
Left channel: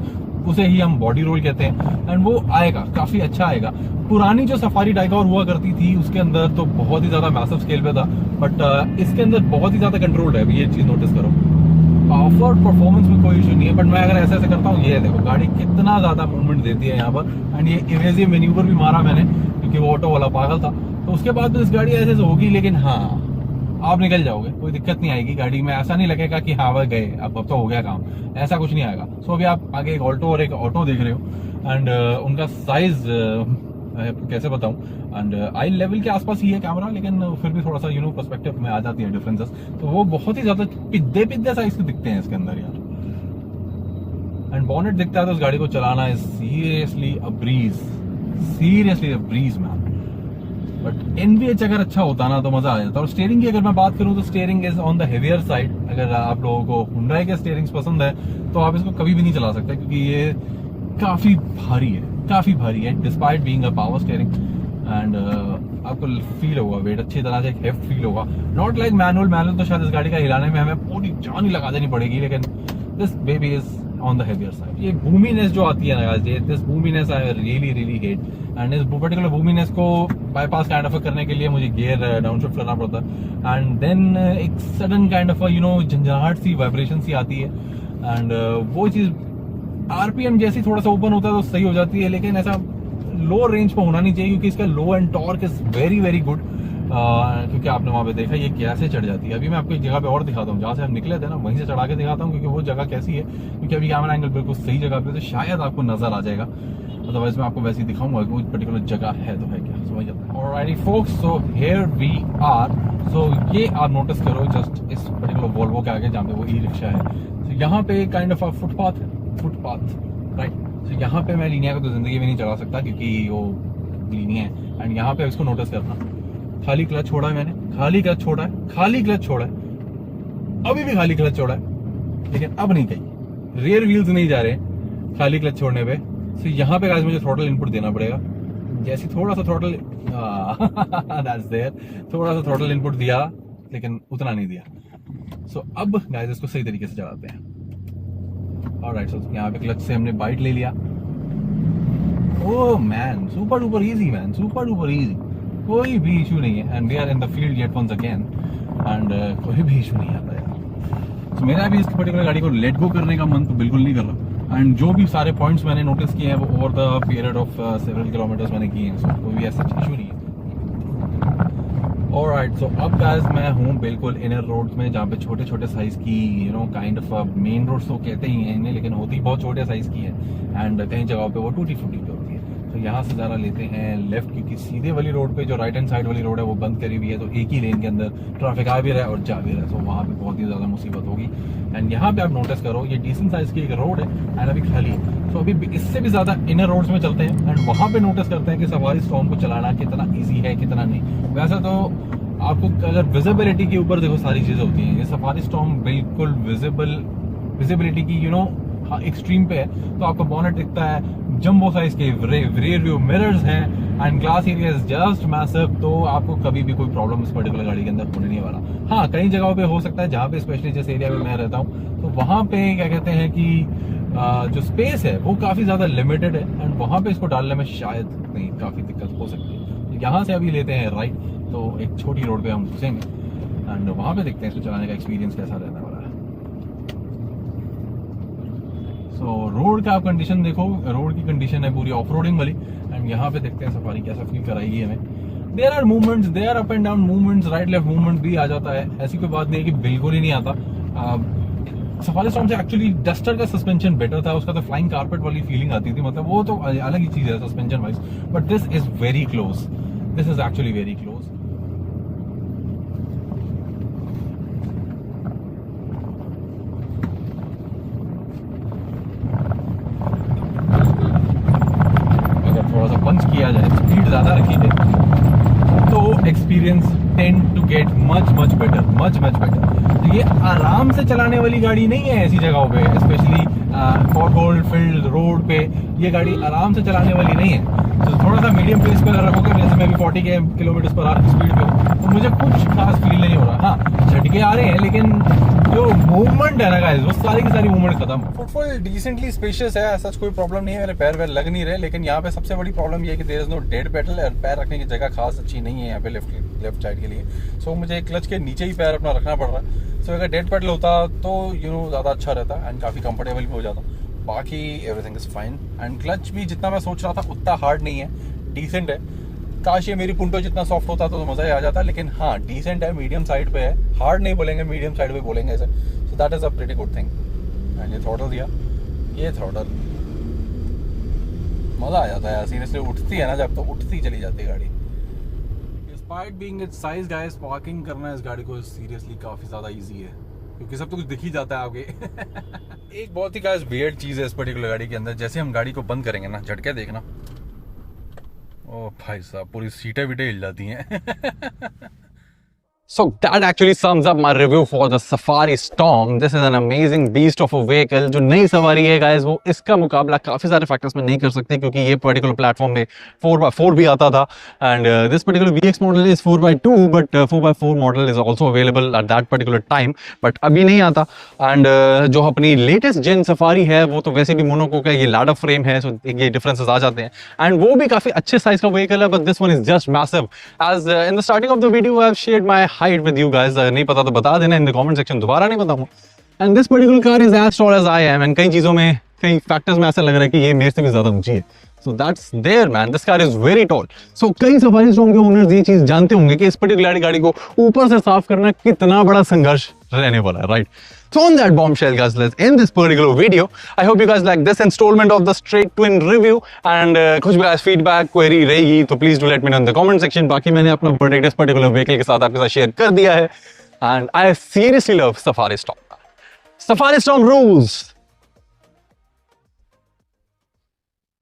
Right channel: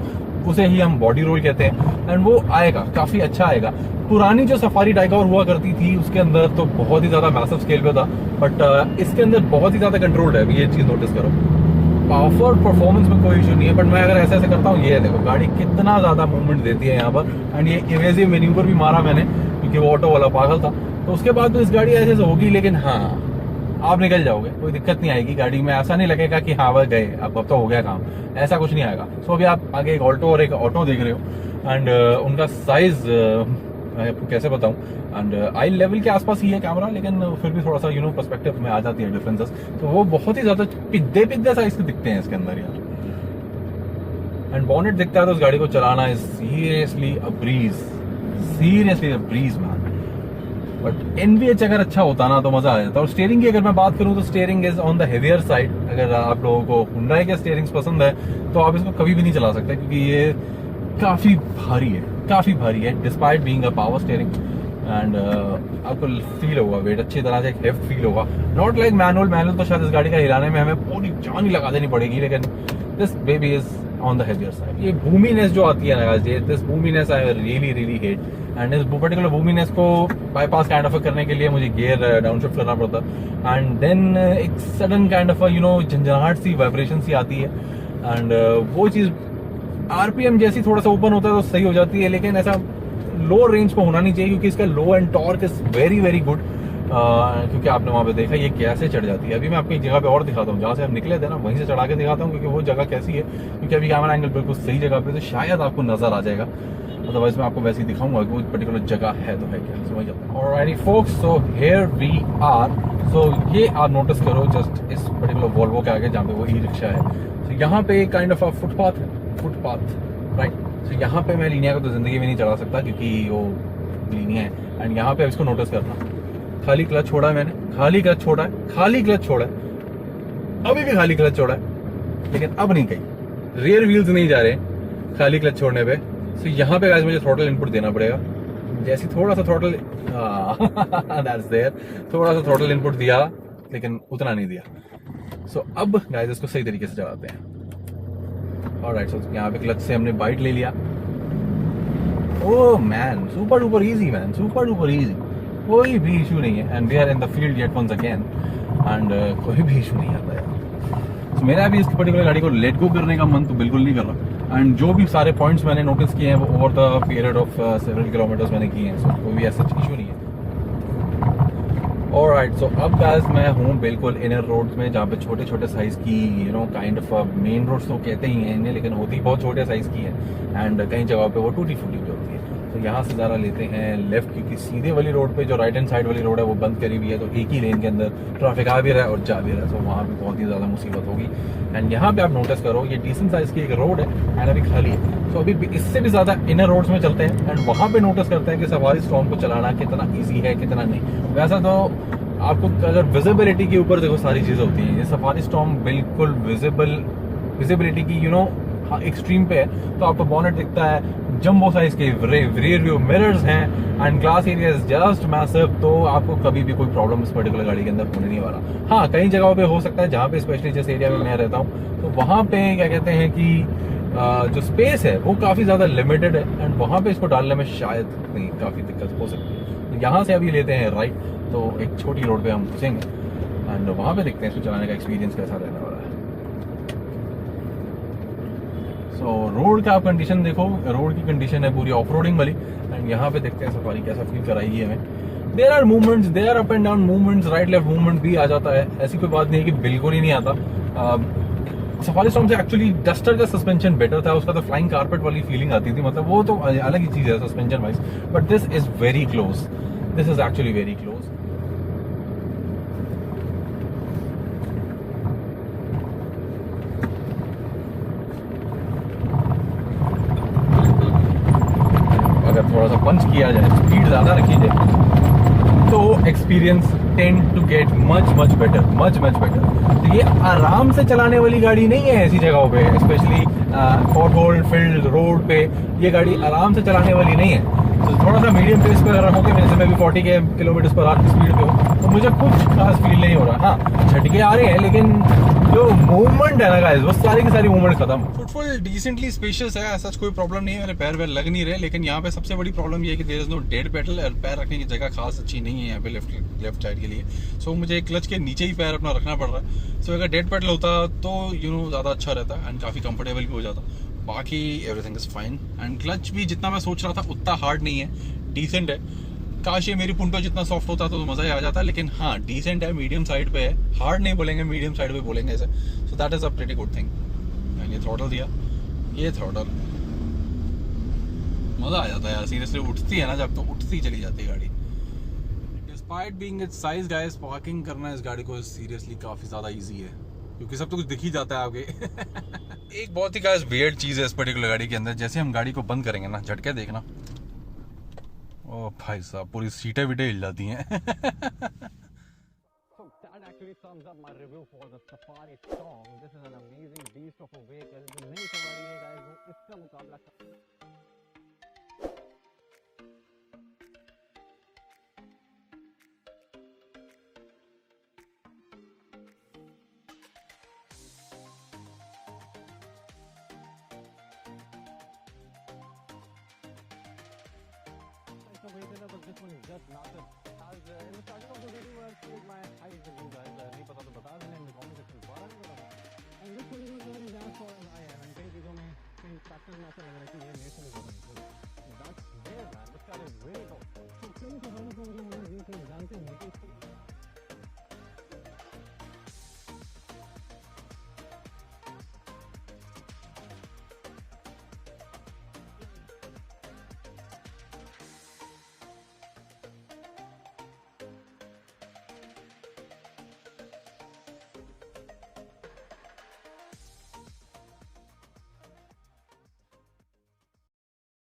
उसे ही हम बॉडी रोल कहते हैं, एंड वो आएगा, काफी अच्छा आएगा। पुरानी जो सफारी टाइगर हुआ करती थी उसके अंदर तो बहुत ही ज्यादा मैसिव स्केल पे था, बट इसके अंदर बहुत ही ज्यादा कंट्रोल्ड है, ये चीज नोटिस करो। पावर परफॉर्मेंस में कोई इशू नहीं है, बट मैं अगर ऐसे ऐसे करता हूँ, ये देखो गाड़ी कितना ज्यादा मूवमेंट देती है यहाँ पर, एंड ये इवेजिव मैन्यूवर भी मारा मैंने क्योंकि वो ऑटो वाला पागल था, तो उसके बाद तो इस गाड़ी ऐसे होगी, लेकिन हाँ आप निकल जाओगे, कोई दिक्कत नहीं आएगी गाड़ी में, ऐसा नहीं लगेगा कि हाँ वह गए अब तो हो गया काम, ऐसा कुछ नहीं आएगा। सो अभी आप आगे एक ऑल्टो और एक ऑटो देख रहे हो, एंड उनका साइज मैं आपको कैसे बताऊं, एंड आई लेवल के आसपास ही है कैमरा, लेकिन फिर भी थोड़ा सा पर्सपेक्टिव में आ जाती है डिफरेंसेस, तो वो बहुत ही ज्यादा पिद्दे साइज के दिखते हैं इसके अंदर यार। एंड बॉनेट दिखता है तो उस गाड़ी को चलाना is seriously a breeze man. But NVH अगर अच्छा होता ना तो मजा आ जाता। और स्टीयरिंग की अगर मैं बात करूं तो steering is on the heavier side. अगर आप लोगों को हुंडई के स्टीयरिंग्स पसंद है तो आप इसको कभी भी नहीं चला सकते, क्योंकि ये काफी भारी है despite being a power steering. And आपको फील होगा वेट अच्छी तरह से, एक हेफ्ट फील होगा, नॉट लाइक मैनुअल तो शायद इस गाड़ी का हिलाने में हमें पूरी जान ही लगा देनी पड़ेगी, लेकिन this baby is on the heavier side. ये बूमीनेस जो आती है ना, this boominess I really hate, and इस पर्टिकुलर बूमीनेस को बाईपास काइंड ऑफ करने के लिए मुझे गियर डाउनशिफ्ट करना पड़ता है, एंड देन एक सडन काइंड ऑफ झंझनाहट सी वाइब्रेशन सी आती है, एंड वो चीज आरपीएम जैसी थोड़ा सा ओपन होता है तो सही हो जाती है, लेकिन ऐसा लो रेंज पे होना नहीं चाहिए, क्योंकि इसका low end torque is very good. क्योंकि आपने वहां पे देखा ये कैसे चढ़ जाती है। अभी मैं आपको एक जगह पे और दिखाता हूँ, जहाँ से हम निकले थे ना वहीं से चढ़ा के दिखाता हूँ, क्योंकि वो जगह कैसी है, क्योंकि अभी कैमरा एंगल बिल्कुल सही जगह पे तो शायद आपको नजर आ जाएगा, अदरवाइज मैं आपको वैसे ही दिखाऊंगा कि वो पर्टिकुलर जगह है तो है क्या, समझ जाओ। Alright folks, so here we are. So ये आप नोटिस करो जस्ट इस पर्टिकुलर वोल्वो के आगे जहाँ पे वो ई रिक्शा है, तो यहाँ पे एक काइंड ऑफ फुटपाथ राइट। तो यहाँ पे मैं लीनिया को तो जिंदगी में नहीं चला सकता क्योंकि वो लीनिया है, एंड यहाँ पे इसको नोटिस करना, खाली क्लच छोड़ा है मैंने, खाली क्लच छोड़ा है, अभी भी खाली क्लच छोड़ा है, लेकिन अब नहीं गई, रियर व्हील्स नहीं जा रहे खाली क्लच छोड़ने पे। तो यहाँ पे गाइस मुझे थ्रॉटल इनपुट देना पड़ेगा, जैसे थोड़ा सा थ्रॉटल दैट्स देयर, थोड़ा सा थ्रॉटल इनपुट दिया लेकिन उतना नहीं दिया। सो अब गाइस इसको सही तरीके से चलाते हैं। ऑलराइट, सो यहाँ पे क्लच से हमने बाइट ले लिया। Oh man, super duper easy man, super duper easy, कोई भी इशू नहीं है, and we are in the field yet once again, and कोई भी इशू नहीं आता यार। तो मेरा अभी इस पर्टिकुलर गाड़ी को लेट गो करने का मन तो बिल्कुल नहीं कर रहा, एंड जो भी सारे पॉइंट्स मैंने नोटिस किए हैं वो over the period of several kilometres मैंने किए हैं, सो कोई भी ऐसा इशू नहीं है। ऑलराइट, सो अब गाइस मैं हूँ बिल्कुल इनर रोड्स में, जहाँ पे छोटे छोटे साइज की काइंड ऑफ मेन रोड्स तो कहते ही हैं इन्हें, लेकिन होती बहुत छोटे साइज की है, एंड कई जगहों पे वो टूटी फूटी भी होती है। तो यहाँ से ज़रा लेते हैं लेफ्ट, क्योंकि सीधे वाली रोड पे जो राइट हैंड साइड वाली रोड है वो बंद करी हुई है, तो एक ही लेन के अंदर ट्रैफिक आ भी रहा है और जा भी रहा है, तो वहाँ पे बहुत ही ज़्यादा मुसीबत होगी। एंड यहाँ पे आप नोटिस करो ये डिसेंट साइज की एक रोड है एंड अभी खाली है, तो अभी इससे भी ज़्यादा इनर रोड्स में चलते हैं, एंड वहाँ पे नोटिस करते हैं कि सफारी स्टॉर्म को चलाना कितना ईजी है कितना नहीं। वैसा तो आपको अगर विजिबिलिटी के ऊपर देखो सारी चीज़ें होती हैं, ये सफारी स्टॉर्म बिल्कुल विजिबिलिटी की एक्सट्रीम पे है, तो आपको बॉनेट दिखता है, जंबो साइज के रियर व्यू मिरर्स हैं, and glass area is just massive, तो आपको कभी भी कोई प्रॉब्लम इस पर्टिकुलर गाड़ी के अंदर होने नहीं वाला। हाँ, कई जगहों पे हो सकता है जहाँ पे स्पेशली जिस एरिया में मैं रहता हूँ तो वहाँ पे क्या कहते हैं कि जो स्पेस है वो काफ़ी ज़्यादा लिमिटेड है, एंड वहाँ पे इसको डालने में शायद नहीं काफ़ी दिक्कत हो सकती है। तो यहाँ से अभी लेते हैं राइट, तो एक छोटी रोड पे हम घुसेंगे एंड वहाँ पे देखते हैं इसको चलाने का एक्सपीरियंस कैसा रहने वाला है। सो रोड का आप कंडीशन देखो, रोड की कंडीशन है पूरी ऑफ रोडिंग वाली, एंड यहाँ पे देखते हैं सफारी कैसा फील कराएगी हमें। There are movements, there are up and down movements, right left movement भी आ जाता है, ऐसी कोई बात नहीं है कि बिल्कुल ही नहीं आता। सफारी स्टॉर्म से एक्चुअली डस्टर का सस्पेंशन बेटर था, उसका तो फ्लाइंग कारपेट वाली फीलिंग आती थी, मतलब वो तो अलग ही चीज़ है suspension wise, but this is very close, this is actually very close. अगर थोड़ा सा पंच किया जाए, स्पीड ज़्यादा रखी जाए, तो experience tend to get much better, much better. तो ये आराम से चलाने वाली गाड़ी नहीं है ऐसी जगहों पे, specially pot hole filled road पे ये गाड़ी आराम से चलाने वाली नहीं है। तो थोड़ा सा मीडियम पेस पर रखोगे, जैसे मैं भी 40 किलोमीटर पर आवर की स्पीड पे हूँ, तो मुझे कुछ खास फील नहीं हो रहा। हाँ, झटके आ रहे हैं, लेकिन जो मूवमेंट है ना गाइस, वो सारी की सारी मूवमेंट खत्म। फुटफॉल डिसेंटली स्पेशियस है, ऐसा कोई प्रॉब्लम नहीं है, मेरे पैर वैर लग नहीं रहे। लेकिन यहाँ पे सबसे बड़ी प्रॉब्लम ये है कि there is no dead pedal, और पैर रखने की जगह खास अच्छी नहीं है यहाँ पे लेफ्ट साइड के लिए। सो मुझे क्लच के नीचे ही पैर अपना रखना पड़ रहा है। सो अगर डेड पेडल होता तो ज़्यादा अच्छा रहता एंड काफ़ी कंफर्टेबल भी हो जाता। बाकी everything is fine and clutch भी जितना मैं सोच रहा था उतना हार्ड नहीं है, डिसेंट है। काश ये मेरी पुंटो जितना सॉफ्ट होता तो मज़ा ही आ जाता, लेकिन हाँ डिसेंट है, मीडियम साइड पे है। हार्ड नहीं बोलेंगे, मीडियम साइड पे बोलेंगे ऐसे। So that is a pretty good thing. And ये थ्रॉटल दिया, ये थ्रॉटल मज़ा आ जाता है यार, सीरियसली। उठती है ना जब, तो उठती चली जाती है गाड़ी। Despite being it's size guys, parking करना इस गाड़ी को सीरियसली काफ़ी ज़्यादा ईजी है, क्योंकि सब तो कुछ दिख ही जाता है आपके। एक बहुत ही गाइस वियर्ड चीज़ है इस पर्टिकुलर गाड़ी के अंदर, जैसे हम गाड़ी को बंद करेंगे ना, झटके देखना, ओ भाई साहब पूरी सीटें वीटें हिल जाती हैं। So that actually sums up my review for the Safari Storm. This is an amazing beast of a vehicle. जो नई सवारी है guys, वो इसका मुकाबला काफ़ी सारे फैक्टर्स में नहीं कर सकते, क्योंकि ये पर्टिकुलर प्लेटफॉर्म में 4x4 भी आता था and this particular VX model is 4x2 but 4x4 model is also available at that particular time, but अभी नहीं आता। एंड जो अपनी लेटेस्ट जेन सफारी है वो तो वैसे भी मोनोको का ये लैडर फ्रेम है, सो ये डिफरेंसेस आ जाते हैं एंड वो भी काफ़ी अच्छे साइज का व्हीकल है, but this one is just massive. As in the starting of the video I have shared my height with you guys, नहीं पता तो बता देना इन द कमेंट सेक्शन, दोबारा नहीं बताऊंगा। And this particular car is as tall as I am, and कई चीज़ों में, कई फैक्टर्स में ऐसा लग रहा है कि ये मेरे से भी ज़्यादा ऊंची है। So that's there man, this car is very tall. So कई सफारी स्टॉर्म के ओनर्स ये चीज़ जानते होंगे कि इस पर्टिकुलर गाड़ी को ऊपर से साफ करना कितना बड़ा संघर्ष रहने वाला है, right? So on that bombshell guys, let's end this particular video. I hope you guys like this installment of the straight twin review and कुछ भी guys feedback query रहेगी तो please do let me know in the comment section. बाकी मैंने अपना verdict इस particular vehicle के साथ आपके साथ share कर दिया है and I seriously love Safari Storm. Safari Storm rules.